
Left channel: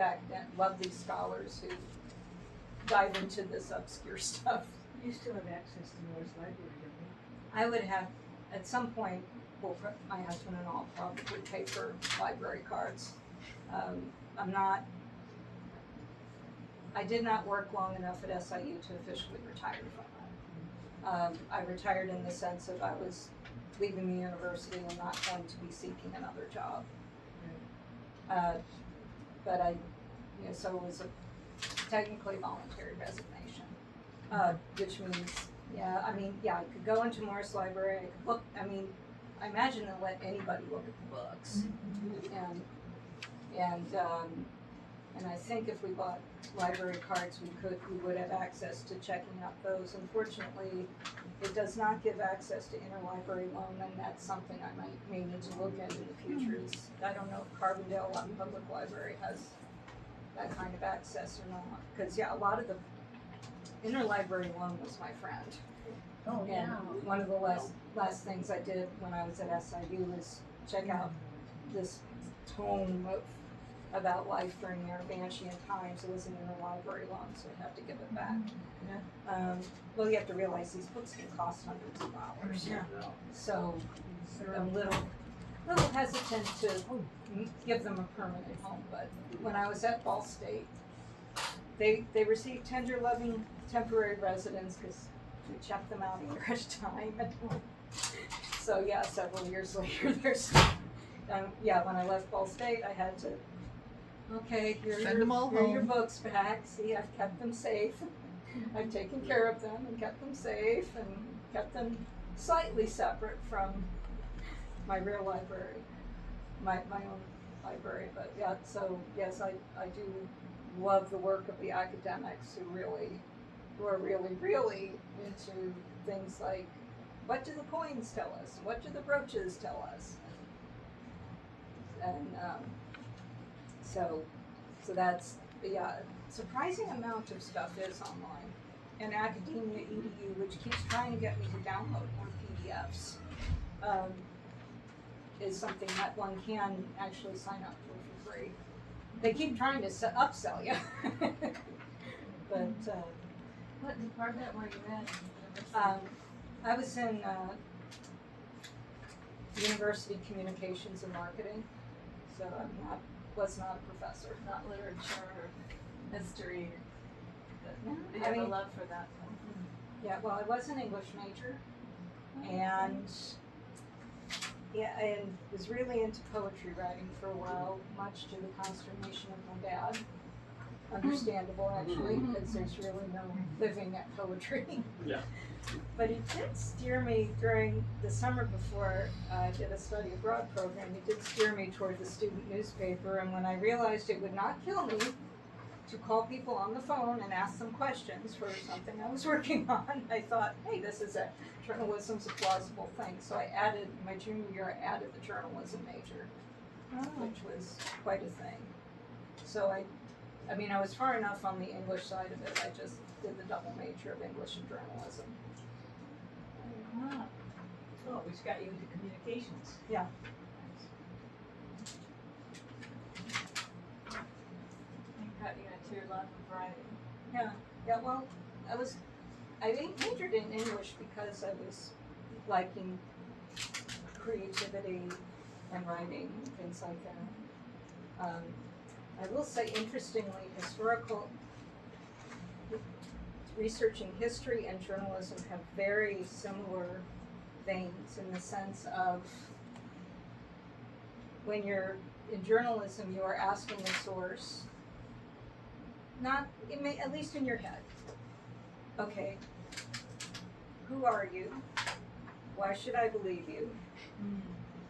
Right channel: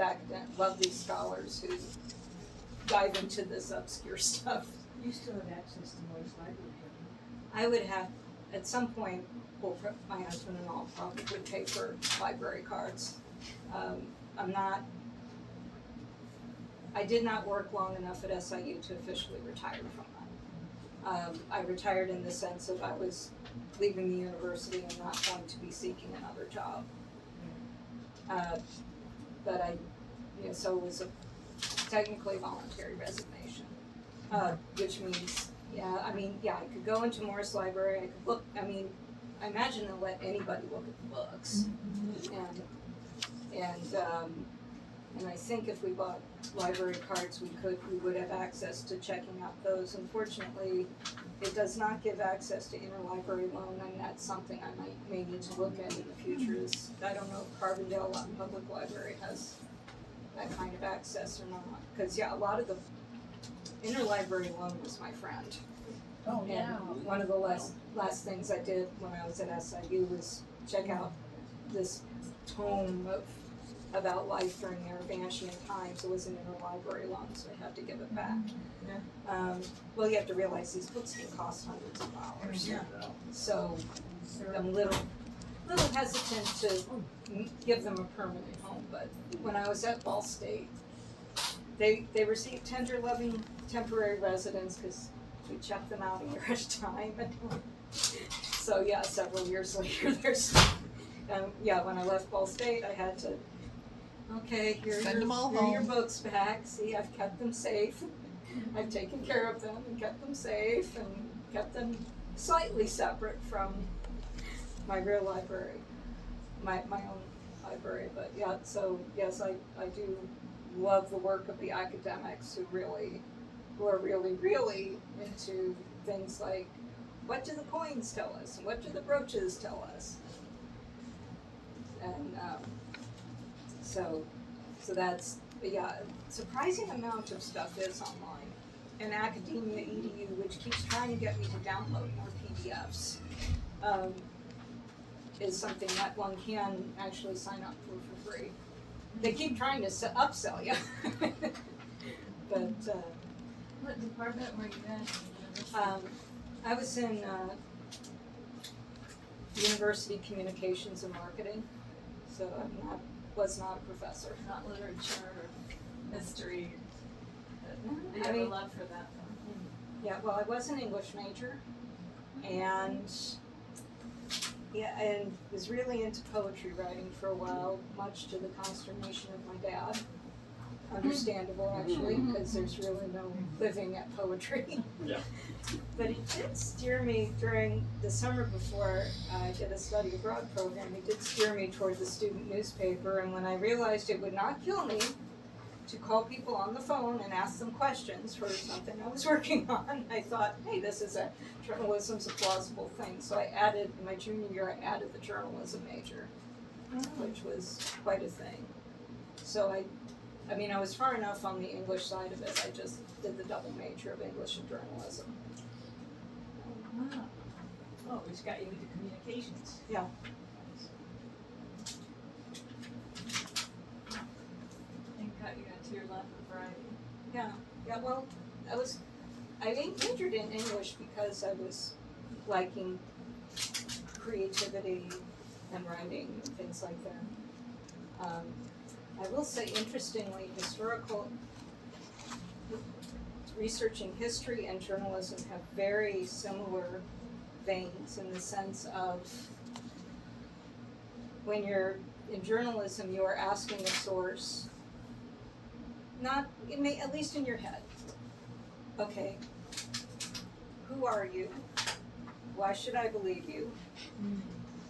lovely scholars who dive into this obscure stuff. You still have access to Morris Library, don't you? I would have, at some point, my husband and I'll probably pay for library cards. I did not work long enough at SIU to officially retire from that. I retired in the sense that I was leaving the university and not going to be seeking another job. But so it was a technically voluntary resignation, which means, I could go into Morris Library, I could look, I imagine they'll let anybody look at the books. And I think if we bought library cards, we would have access to checking out those. Unfortunately, it does not give access to interlibrary loan, and that's something I may need to look at in the future. I don't know if Carbondale Public Library has that kind of access or not. Because a lot of the interlibrary loan was my friend. Oh, And one of the last things I did when I was at SIU was check out this tome about life during the Arbantian times. It was an interlibrary loan, so I had to give it back. Well, you have to realize these books can cost hundreds of dollars. So I'm a little hesitant to give them a permanent home, but when I was at Ball State, they received tender loving temporary residents because we checked them out in trash time. So several years later, when I left Ball State, I had to, Send them all here are your home. books back. See, I've kept them safe. I've taken care of them and kept them safe and kept them slightly separate from my real library, my own library. But so yes, I do love the work of the academics who are really into things like, what do the coins tell us? And what do the brooches tell us? And so that's, surprising amount of stuff is online. And Academia EDU, which keeps trying to get me to download more PDFs, is something that one can actually sign up for free. They keep trying to upsell you. But, What department were you in? I was in University Communications and Marketing, so was not a professor. Not literature or history. No, Do you I have a mean- love for that though? Yeah, well, I was an English major, and and was really into poetry writing for a while, much to the consternation of my dad. Understandable, actually, because there's really no living at poetry. Yeah. But he did steer me during the summer before I did a study abroad program. He did steer me toward the student newspaper, and when I realized it would not kill me to call people on the phone and ask them questions for something I was working on, I thought, hey, this is journalism's a plausible thing. So I added, in my junior year, I added the journalism major, which was quite a thing. So I was far enough on the English side of it, I just did the double major of English and journalism. Wow. Oh, which got you into communications. Yeah. And got you into your love of writing. Yeah, well, I majored in English because I was liking creativity and writing and things like that. I will say, interestingly, researching history and journalism have very similar veins in the sense of when you're in journalism, you are asking a source, at least in your head, okay, who are you? Why should I believe you?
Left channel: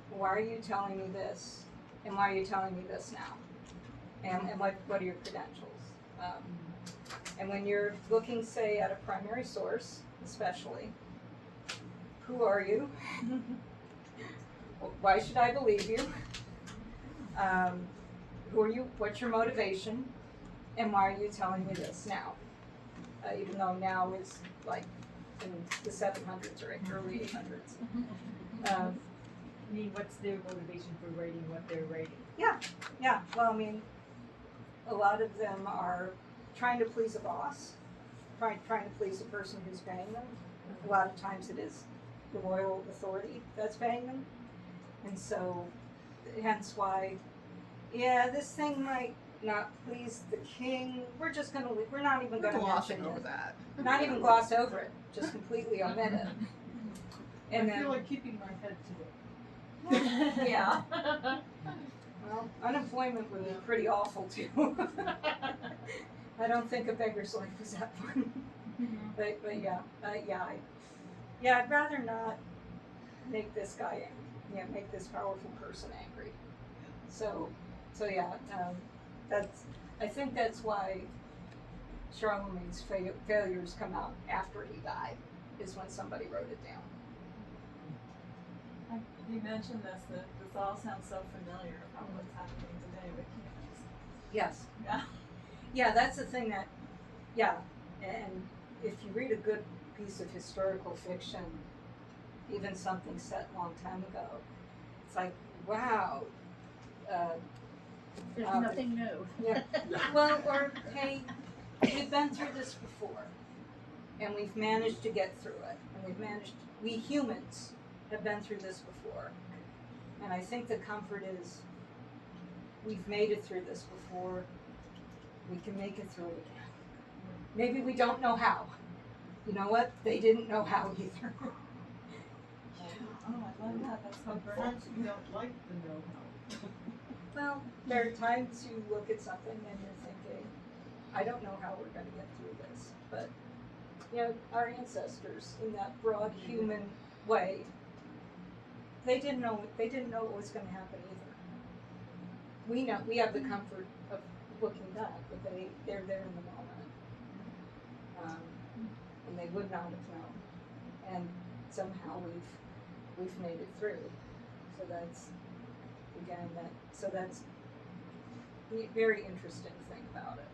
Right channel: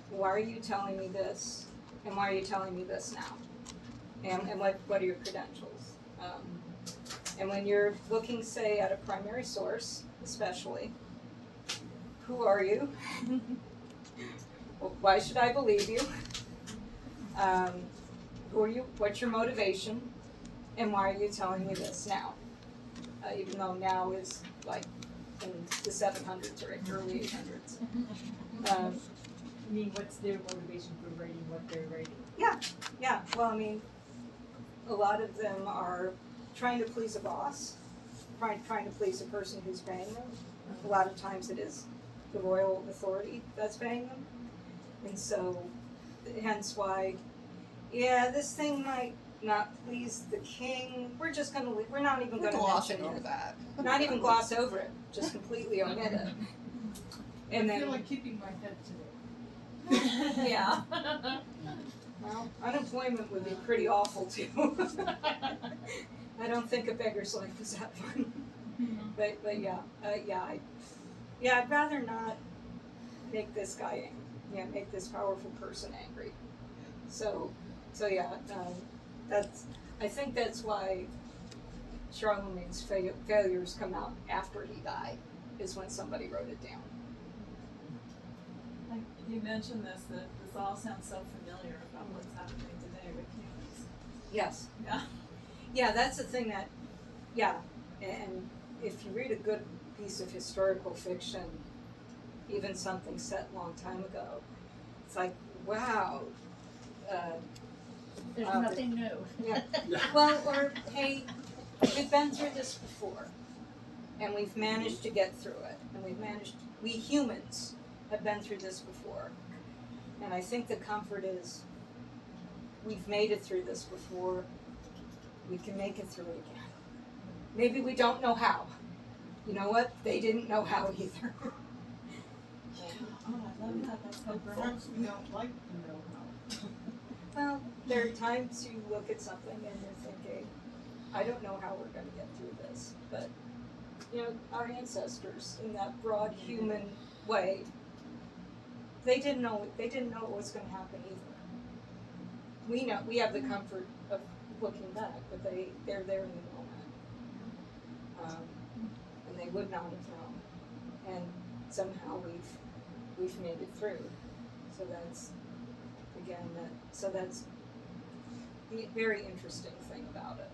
Why are you telling me this? And why are you telling me this now? And what are your credentials? And when you're looking, say, at a primary source, especially, who are you? Why should I believe you? Who are you? What's your motivation? And why are you telling me this now? Even though now is like in the 700s or early 800s. I mean, what's their motivation for writing what they're writing? Yeah, well, I mean, a lot of them are trying to please a boss, trying to please a person who's paying them. A lot of times it is the royal authority that's paying them. And so, hence why, yeah, this thing might not please the king. We're just gonna, we're not even We're gonna glossing mention over it. that. Not even gloss over it, just completely omit it. And I feel then, like keeping my head to it. Yeah. well, unemployment would be pretty awful too. I don't think a beggar's life is that fun. But yeah, I'd rather not make this guy angry. Yeah, make this powerful person angry. So yeah, I think that's why Charlemagne's failures come out after he died, is when somebody wrote it down. You mentioned this, that this all sounds so familiar about what's happening today with humans. Yes. Yeah. Yeah, that's the thing that, yeah, and if you read a good piece of historical fiction, even something set a long time ago, it's like, wow. There's Wow. nothing new. Yeah. Well, or, hey, we've been through this before, and we've managed to get through it, and we humans have been through this before. And I think the comfort is, we've made it through this before, we can make it through it again. Maybe we don't know how. You know what? They didn't know how either. Oh, I love that. That's so And great. perhaps we don't like the know-how. Well, there are times you look at something and you're thinking, I don't know how we're gonna get through this, but, you know, our ancestors, in that broad human way, they didn't know what was gonna happen either. We know, we have the comfort of looking back, but they're there in the moment. And they would not have known. And somehow we've made it through. So that's, again, that's the very interesting thing about it.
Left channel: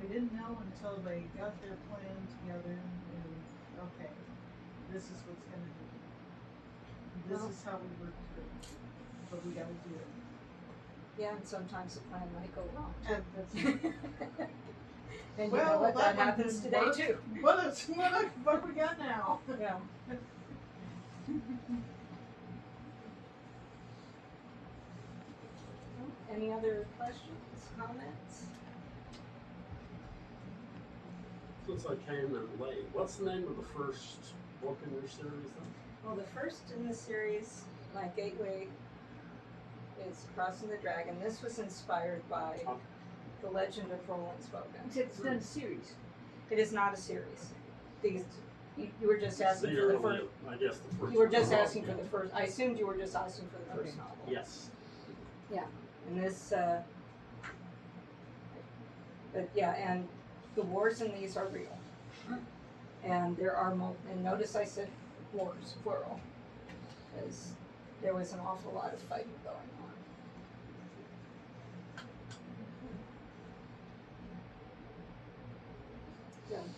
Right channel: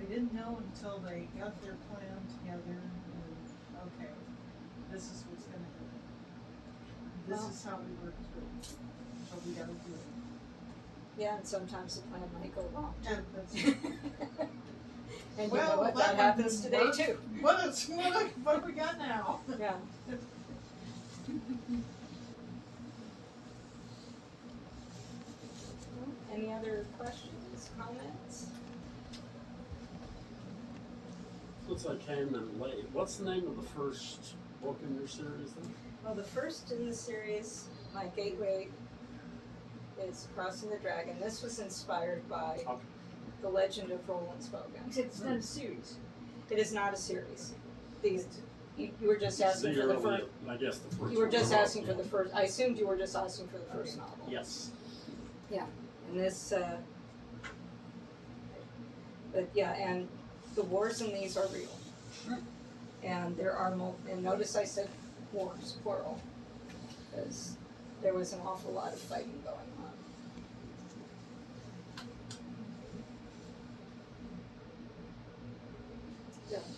They didn't know until they got their plan together and, okay, this is what's gonna happen. This Well- is how we work through, but we gotta do it. Yeah, and sometimes the plan might go wrong. And that's, And you well, know what, that that one happens didn't today work. too. What we got now? Yeah. Any other questions, comments? Since I came in late, what's the name of the first book in your series then? Well, the first in the series, my gateway, is Crossing the Dragon. This was inspired by Okay. The Legend of Roland Spoken. It's not a series. It is not a series. These, you were just So asking for you're the only, first, I guess the first. you were one. just Oh, asking for yeah. the first, I assumed you were just asking for the first Okay. novel. Yes. And this, but yeah, and the wars in these are real. And there are and notice I said wars, plural, because there was an awful lot of fighting going on.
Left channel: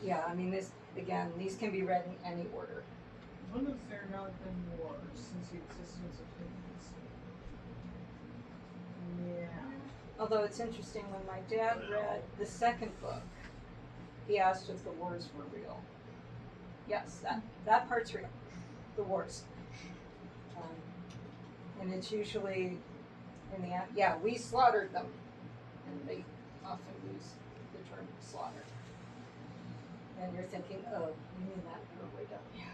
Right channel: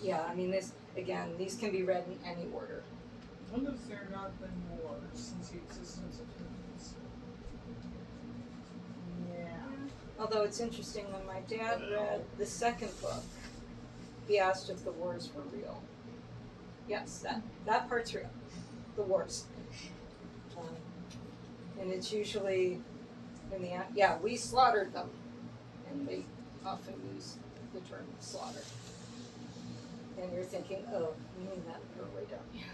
Yeah, I mean, this, again, these can be read in any order. When has there not been war since the existence of humans? Yeah. Although it's interesting, when my dad read the second book, he asked if the wars were real. Yes, that part's real, the wars. And it's usually in the, yeah, we slaughtered them. And they often use the term slaughter. And you're thinking, oh, you mean that Norway, don't you?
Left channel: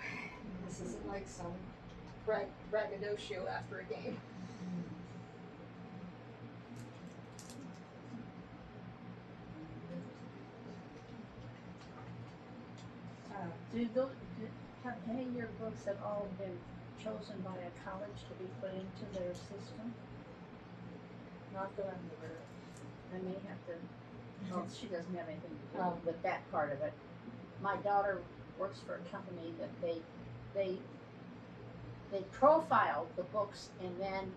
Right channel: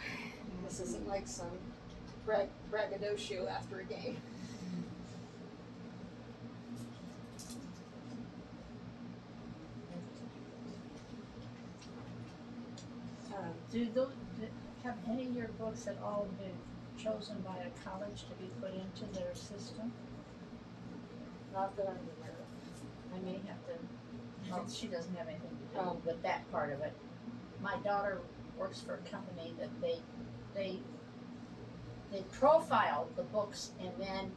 This isn't like some braggadocio after a game. Have any of your books at all been chosen by a college to be put into their system? Not that I'm aware of. I may have to, Oh. since she doesn't have anything to do Oh. with that part of it. My daughter works for a company that they profile the books, and then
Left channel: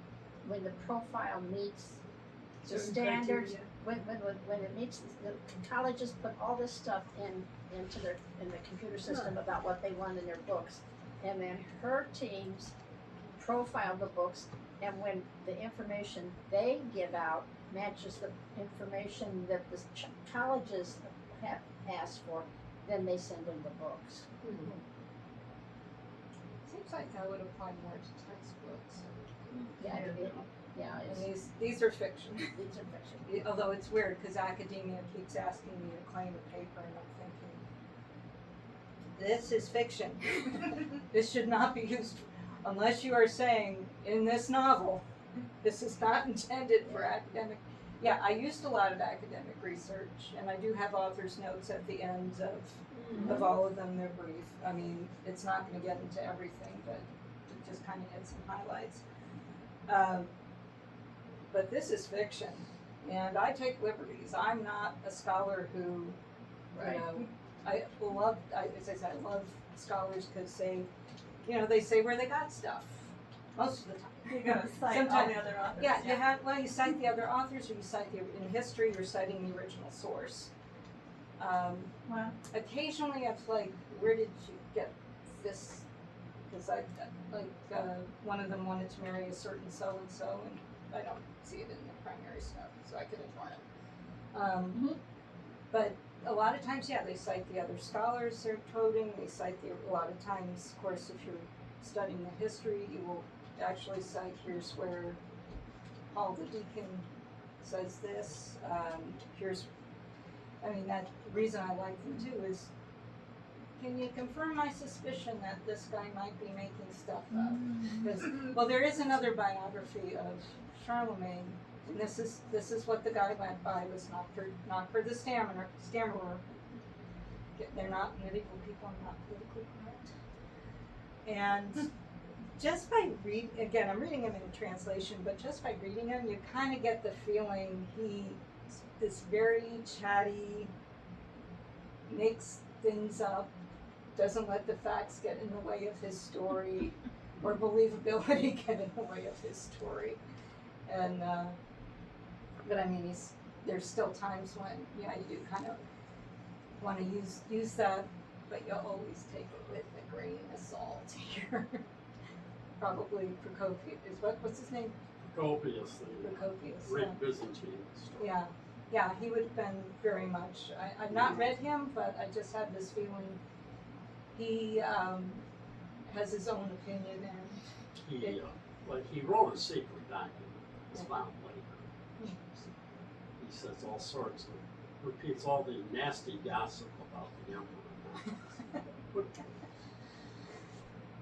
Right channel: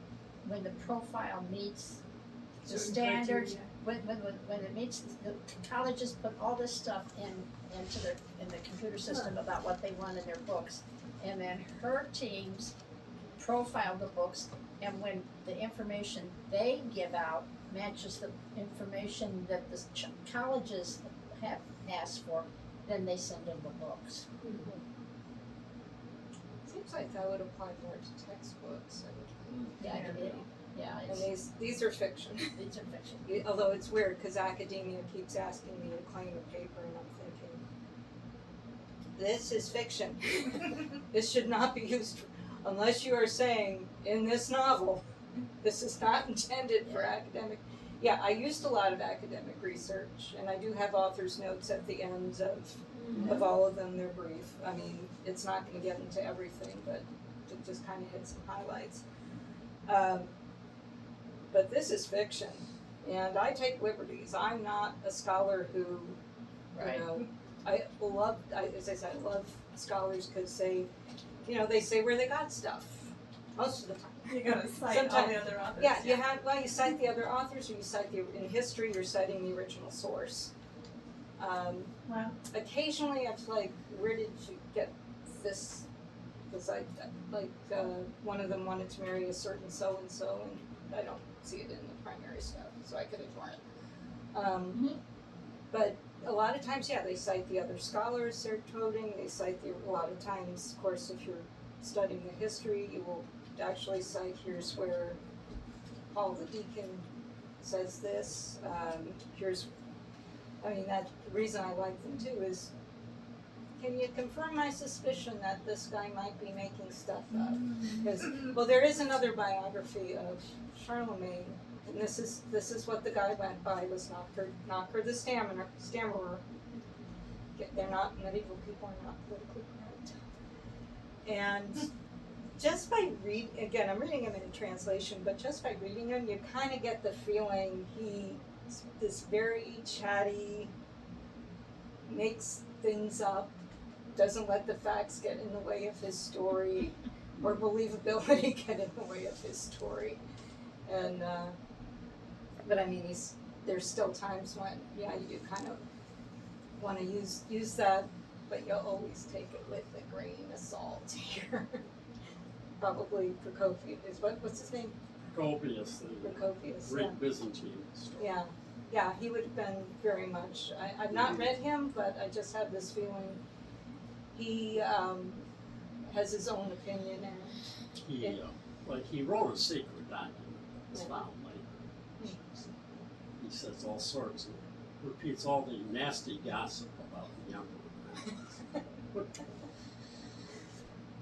when the profile meets the Certain standards, criteria. when it meets, the colleges put all this stuff into in the computer system about what they want in their books. And then her teams profile the books, and when the information they give out matches the information that the colleges have asked for, then they send them the books. Seems like that would apply more to textbooks. Yeah, And it's, these are fiction. it's a fiction. Although it's weird because academia keeps asking me to claim a paper, and I'm thinking, this is fiction. This should not be used unless you are saying in this novel, this is not intended for academic. Yeah, I used a lot of academic research, and I do have author's notes at the ends of all of them. They're brief. I mean, it's not going to get into everything, but it just kind of hit some highlights. But this is fiction, and I take liberties. I'm not a scholar who, Right. you know, as I said, I love scholars because they say where they got stuff most of the time. You gotta cite all Sometimes- the other authors. Yeah, you cite the other authors, or you cite in history, you're citing the original source. Wow. Occasionally, it's like, where did you get this? Because one of them wanted to marry a certain so and so, and I don't see it in the primary stuff, so I could ignore it. But a lot of times, yeah, they cite the other scholars they're quoting. They cite a lot of times, of course, if you're studying the history, you will actually cite, here's where Paul the deacon says this. That the reason I like them too is, can you confirm my suspicion that this guy might be making stuff up? Because, well, there is another biography of Charlemagne, and this is what the guy went by, was Knocker the stammerer. They're not, medieval people are not politically correct. And just by again, I'm reading him in a translation, but just by reading him, you kind of get the feeling he's this very chatty, makes things up, doesn't let the facts get in the way of his story, or believability get in the way of his story. And but I mean, there's still times when, yeah, you do kind of want to use that, but you'll always take it with a grain of salt here. Probably Procopius what's his name? Procopius, the Procopius. Greek Byzantine story. Yeah, he would have been very much. I've not read him, but I just have this feeling he has his own opinion, and He wrote a secret document. It's found later. He says all sorts of, repeats all the nasty gossip about the emperor.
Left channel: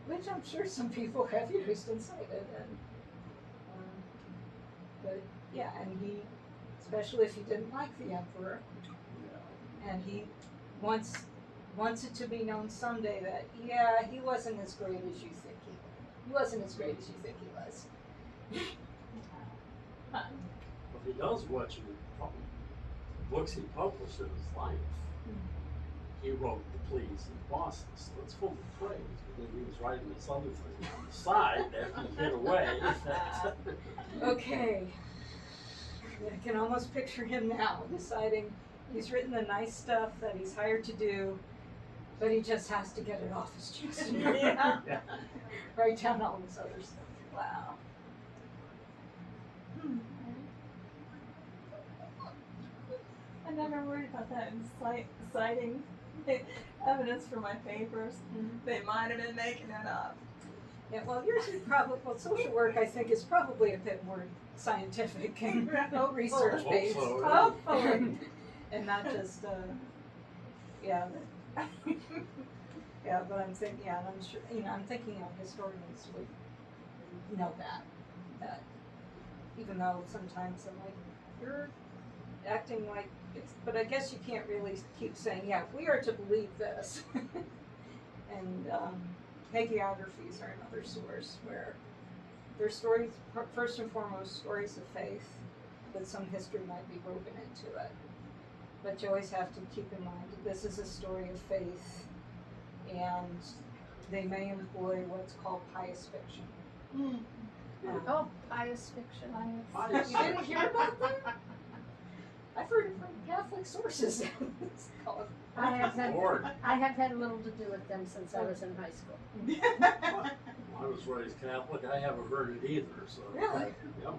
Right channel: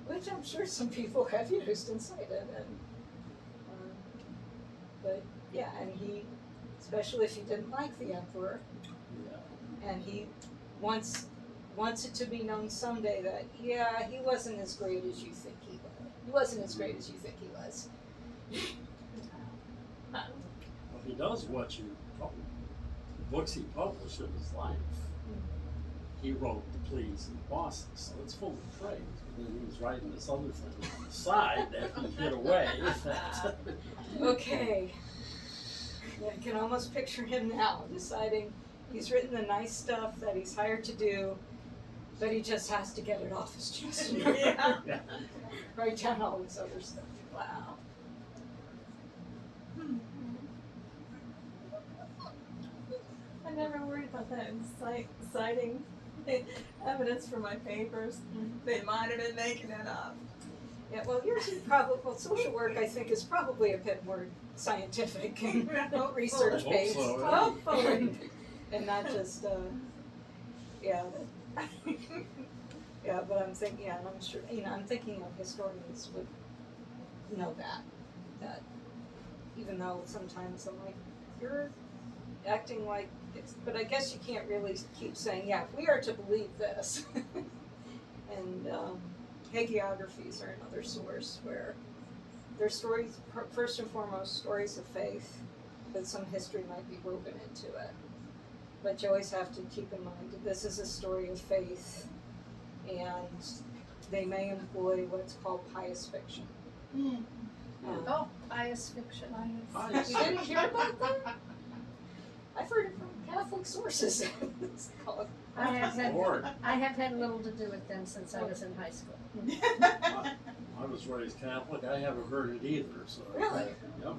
which I'm sure some people have used and cited, and but yeah, and he, especially if he didn't like the emperor, and he wants it to be known someday that he wasn't as great as you think he was. He wasn't as great as you think he was. Well, he does what books he published in his life. He wrote The Pleas and Boston, so it's full of praise. But then he was writing this other thing on the side that he hid away. Okay. Yeah, I can almost picture him now deciding he's written the nice stuff that he's hired to do, but he just has to get it off his chest. Yeah. Write down all this other stuff. Wow. I never worried about that in citing evidence for my papers. They might have been making it up. Yeah, well, yours is probably, social work, I think, is probably a bit more scientific and research based. Hope so, yeah. Hopefully. And not just, yeah, but I'm thinking, and I'm sure, I'm thinking historians would know that even though sometimes I'm like, you're acting like it's, but I guess you can't really keep saying, yeah, we are to believe this. And hagiographies are another source where they're stories, first and foremost, stories of faith, but some history might be woven into it. But you always have to keep in mind that this is a story of faith, and they may employ what's called pious fiction. Oh, pious fiction. Pious You didn't hear about that? I've heard it from Catholic sources. It's called I have Lord. had little to do with them since I was in high school. I was raised Catholic, I haven't heard it either, so. Really? Yep.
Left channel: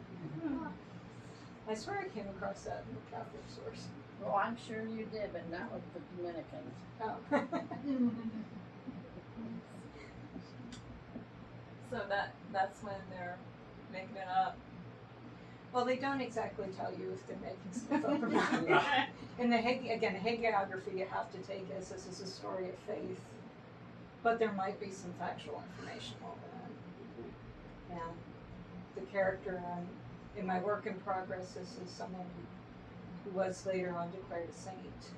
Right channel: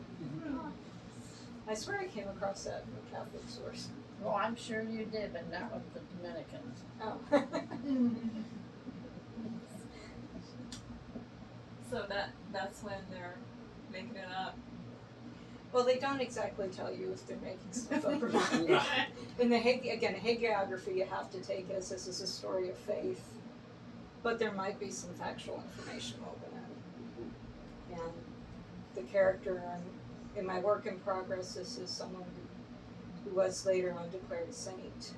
I swear I came across that in a Catholic source. Well, I'm sure you did, but not with the Dominicans. Oh. So that's when they're making it up. Well, they don't exactly tell you if they're making stuff up or not. In the hagiography, you have to take as this is a story of faith, but there might be some factual information woven in. And the character in my work in progress, this is someone who was later on declared a saint.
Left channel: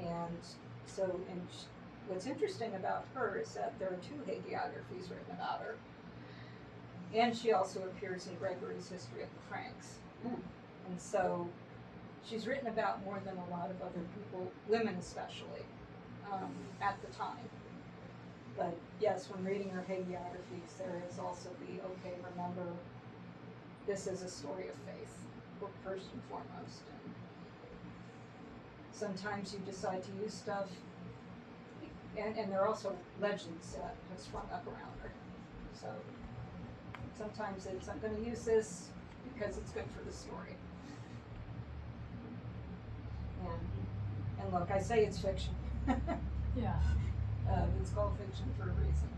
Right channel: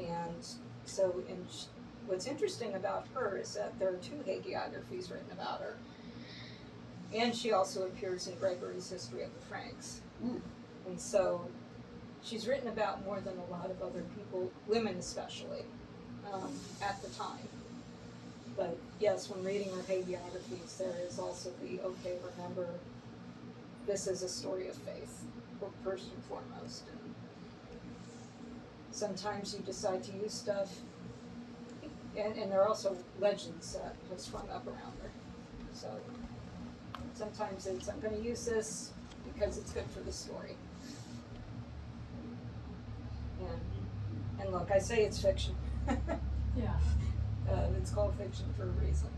And so, what's interesting about her is that there are 2 hagiographies written about her. And she also appears in Gregory's History of the Franks. And so she's written about more than a lot of other people, women especially, at the time. But yes, when reading her hagiographies, there is also the, okay, remember, this is a story of faith, first and foremost. And sometimes you decide to use stuff, and there are also legends that have sprung up around her. So sometimes it's, I'm going to use this because it's good for the story. And look, I say it's fiction. Yeah. It's called fiction for a reason.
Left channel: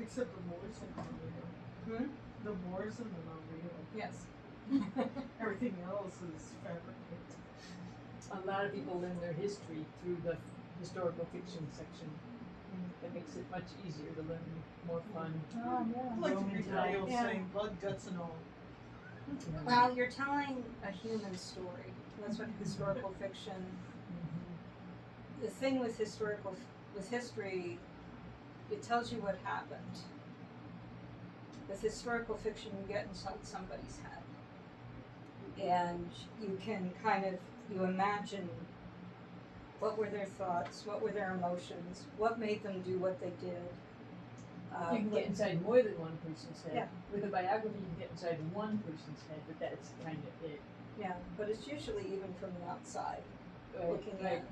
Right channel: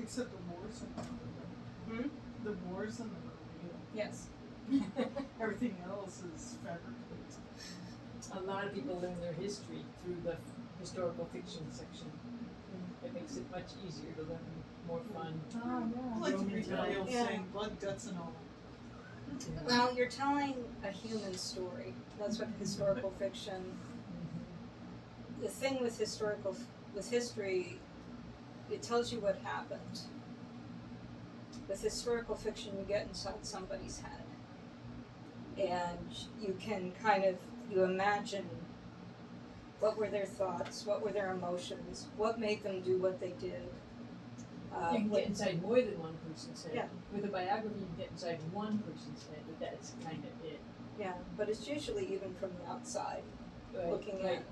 Except the wars are not real. Hmm? The wars and them are real. Yes. Everything else is fabricated. A lot of people learn their history through the historical fiction section. It makes it much easier to learn, more fun. Oh I like to read the real Yeah. thing, blood, guts, and all. Well, you're telling a human story. That's what historical fiction. The thing with history, it tells you what happened. With historical fiction, you get inside somebody's head, and you can you imagine what were their thoughts, what were their emotions, what made them do what they did. You can get inside more than one person's head. Yeah. With a biography, you can get inside one person's head, but that's kind of it. Yeah, but it's usually even from the outside, looking Right. at.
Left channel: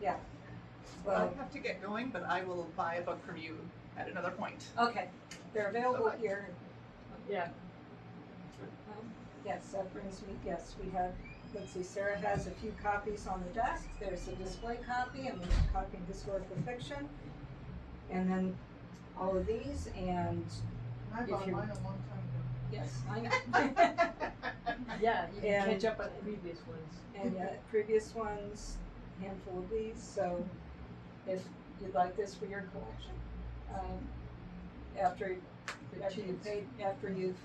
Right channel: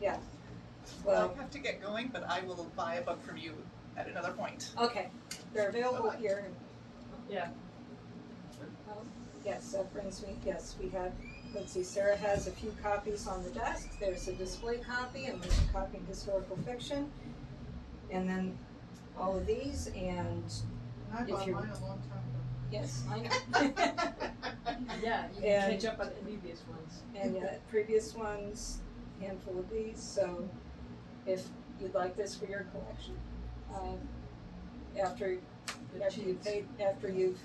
Yeah. Well, I have to get going, but I will buy a book from you at another point. okay, they're available Bye-bye. here. Yeah. Yes, that brings me, yes, we have, let's see, Sarah has a few copies on the desk. There's a display copy and there's a copy in historical fiction. And then all of these, and I If bought you- mine a long time yes, I know. Yeah, you can And- catch up on the previous ones. And previous ones, handful of these, so if you'd like this for your collection, after you've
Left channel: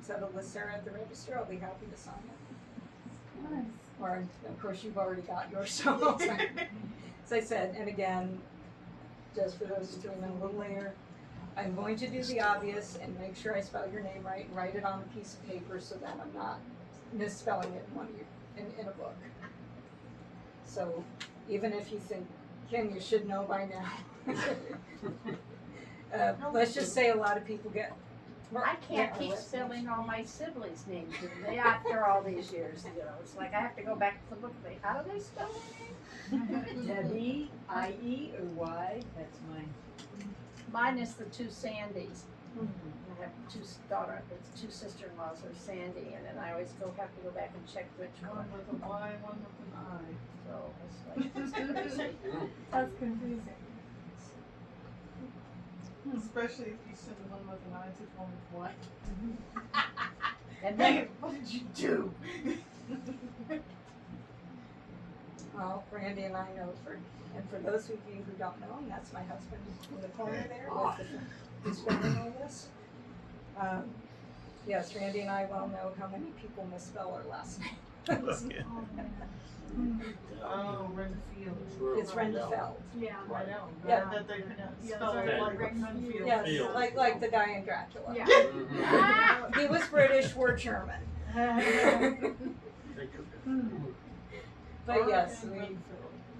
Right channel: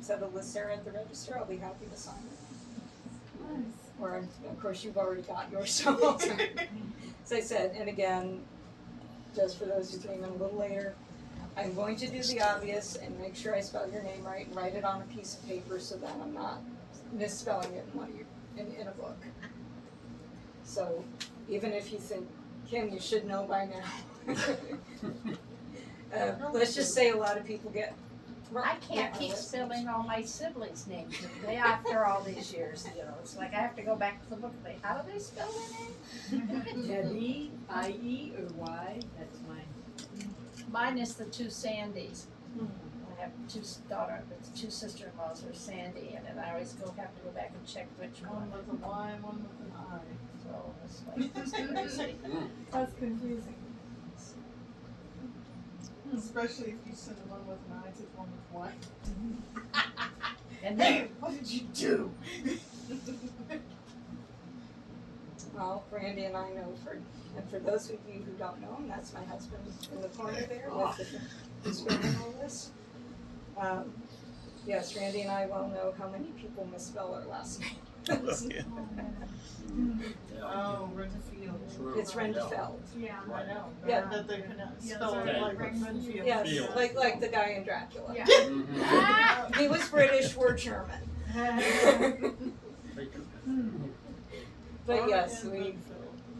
settled with Sarah at the register, I'll be happy to sign it. Nice. Or, of course, you've already got yours, so I'll sign it. As I said, and again, just for those who came in a little later, I'm going to do the obvious and make sure I spell your name right, and write it on a piece of paper so that I'm not misspelling it in one of your, in a book. So, even if you think, Kim, you should know by now. Let's just say a lot of people get. I can't keep listeners. spelling all my siblings' names after all these years, you know, it's like I have to go back to the book and say, how do they spell their name? Debbie, I-E, or Y, that's mine. Mine is the 2 Sandys. I have two sister-in-laws who are Sandy, and then I always have to go back and check which ago. One one. with a Y, one with an I. So it's like, it's crazy. That's confusing. Especially if you send one with an I to one with Y. And Hey, then, what did you do? Well, Randy and I know and for those of you who don't know him, that's my husband in the corner there with who's filming all this. Yes, Randy and I well know how many people misspell our last name. Oh, Renfield. It's Rendfeld. Yeah. I know. Yeah. That they pronounce, Yeah, spell that's it right. like Renfield. Renfield. Yes, Field. like the guy in Dracula. Yeah. Mhm. He was British, we're German. But yes, And we, Renfield.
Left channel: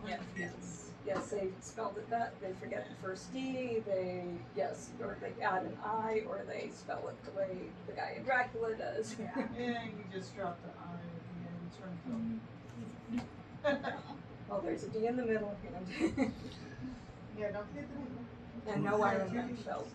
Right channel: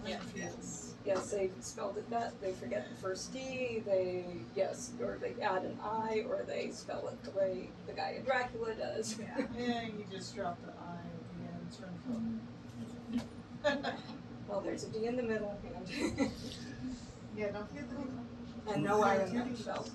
yes, Renfield. yes. yes, they spelled it that, they forget the first D, or they add an I, or they spell it the way the guy in Dracula does. Yeah, you just drop the I at the end, it's Renfeld. Well, there's a D in the middle, and, Yeah, don't forget the middle. and no I in Renfeld.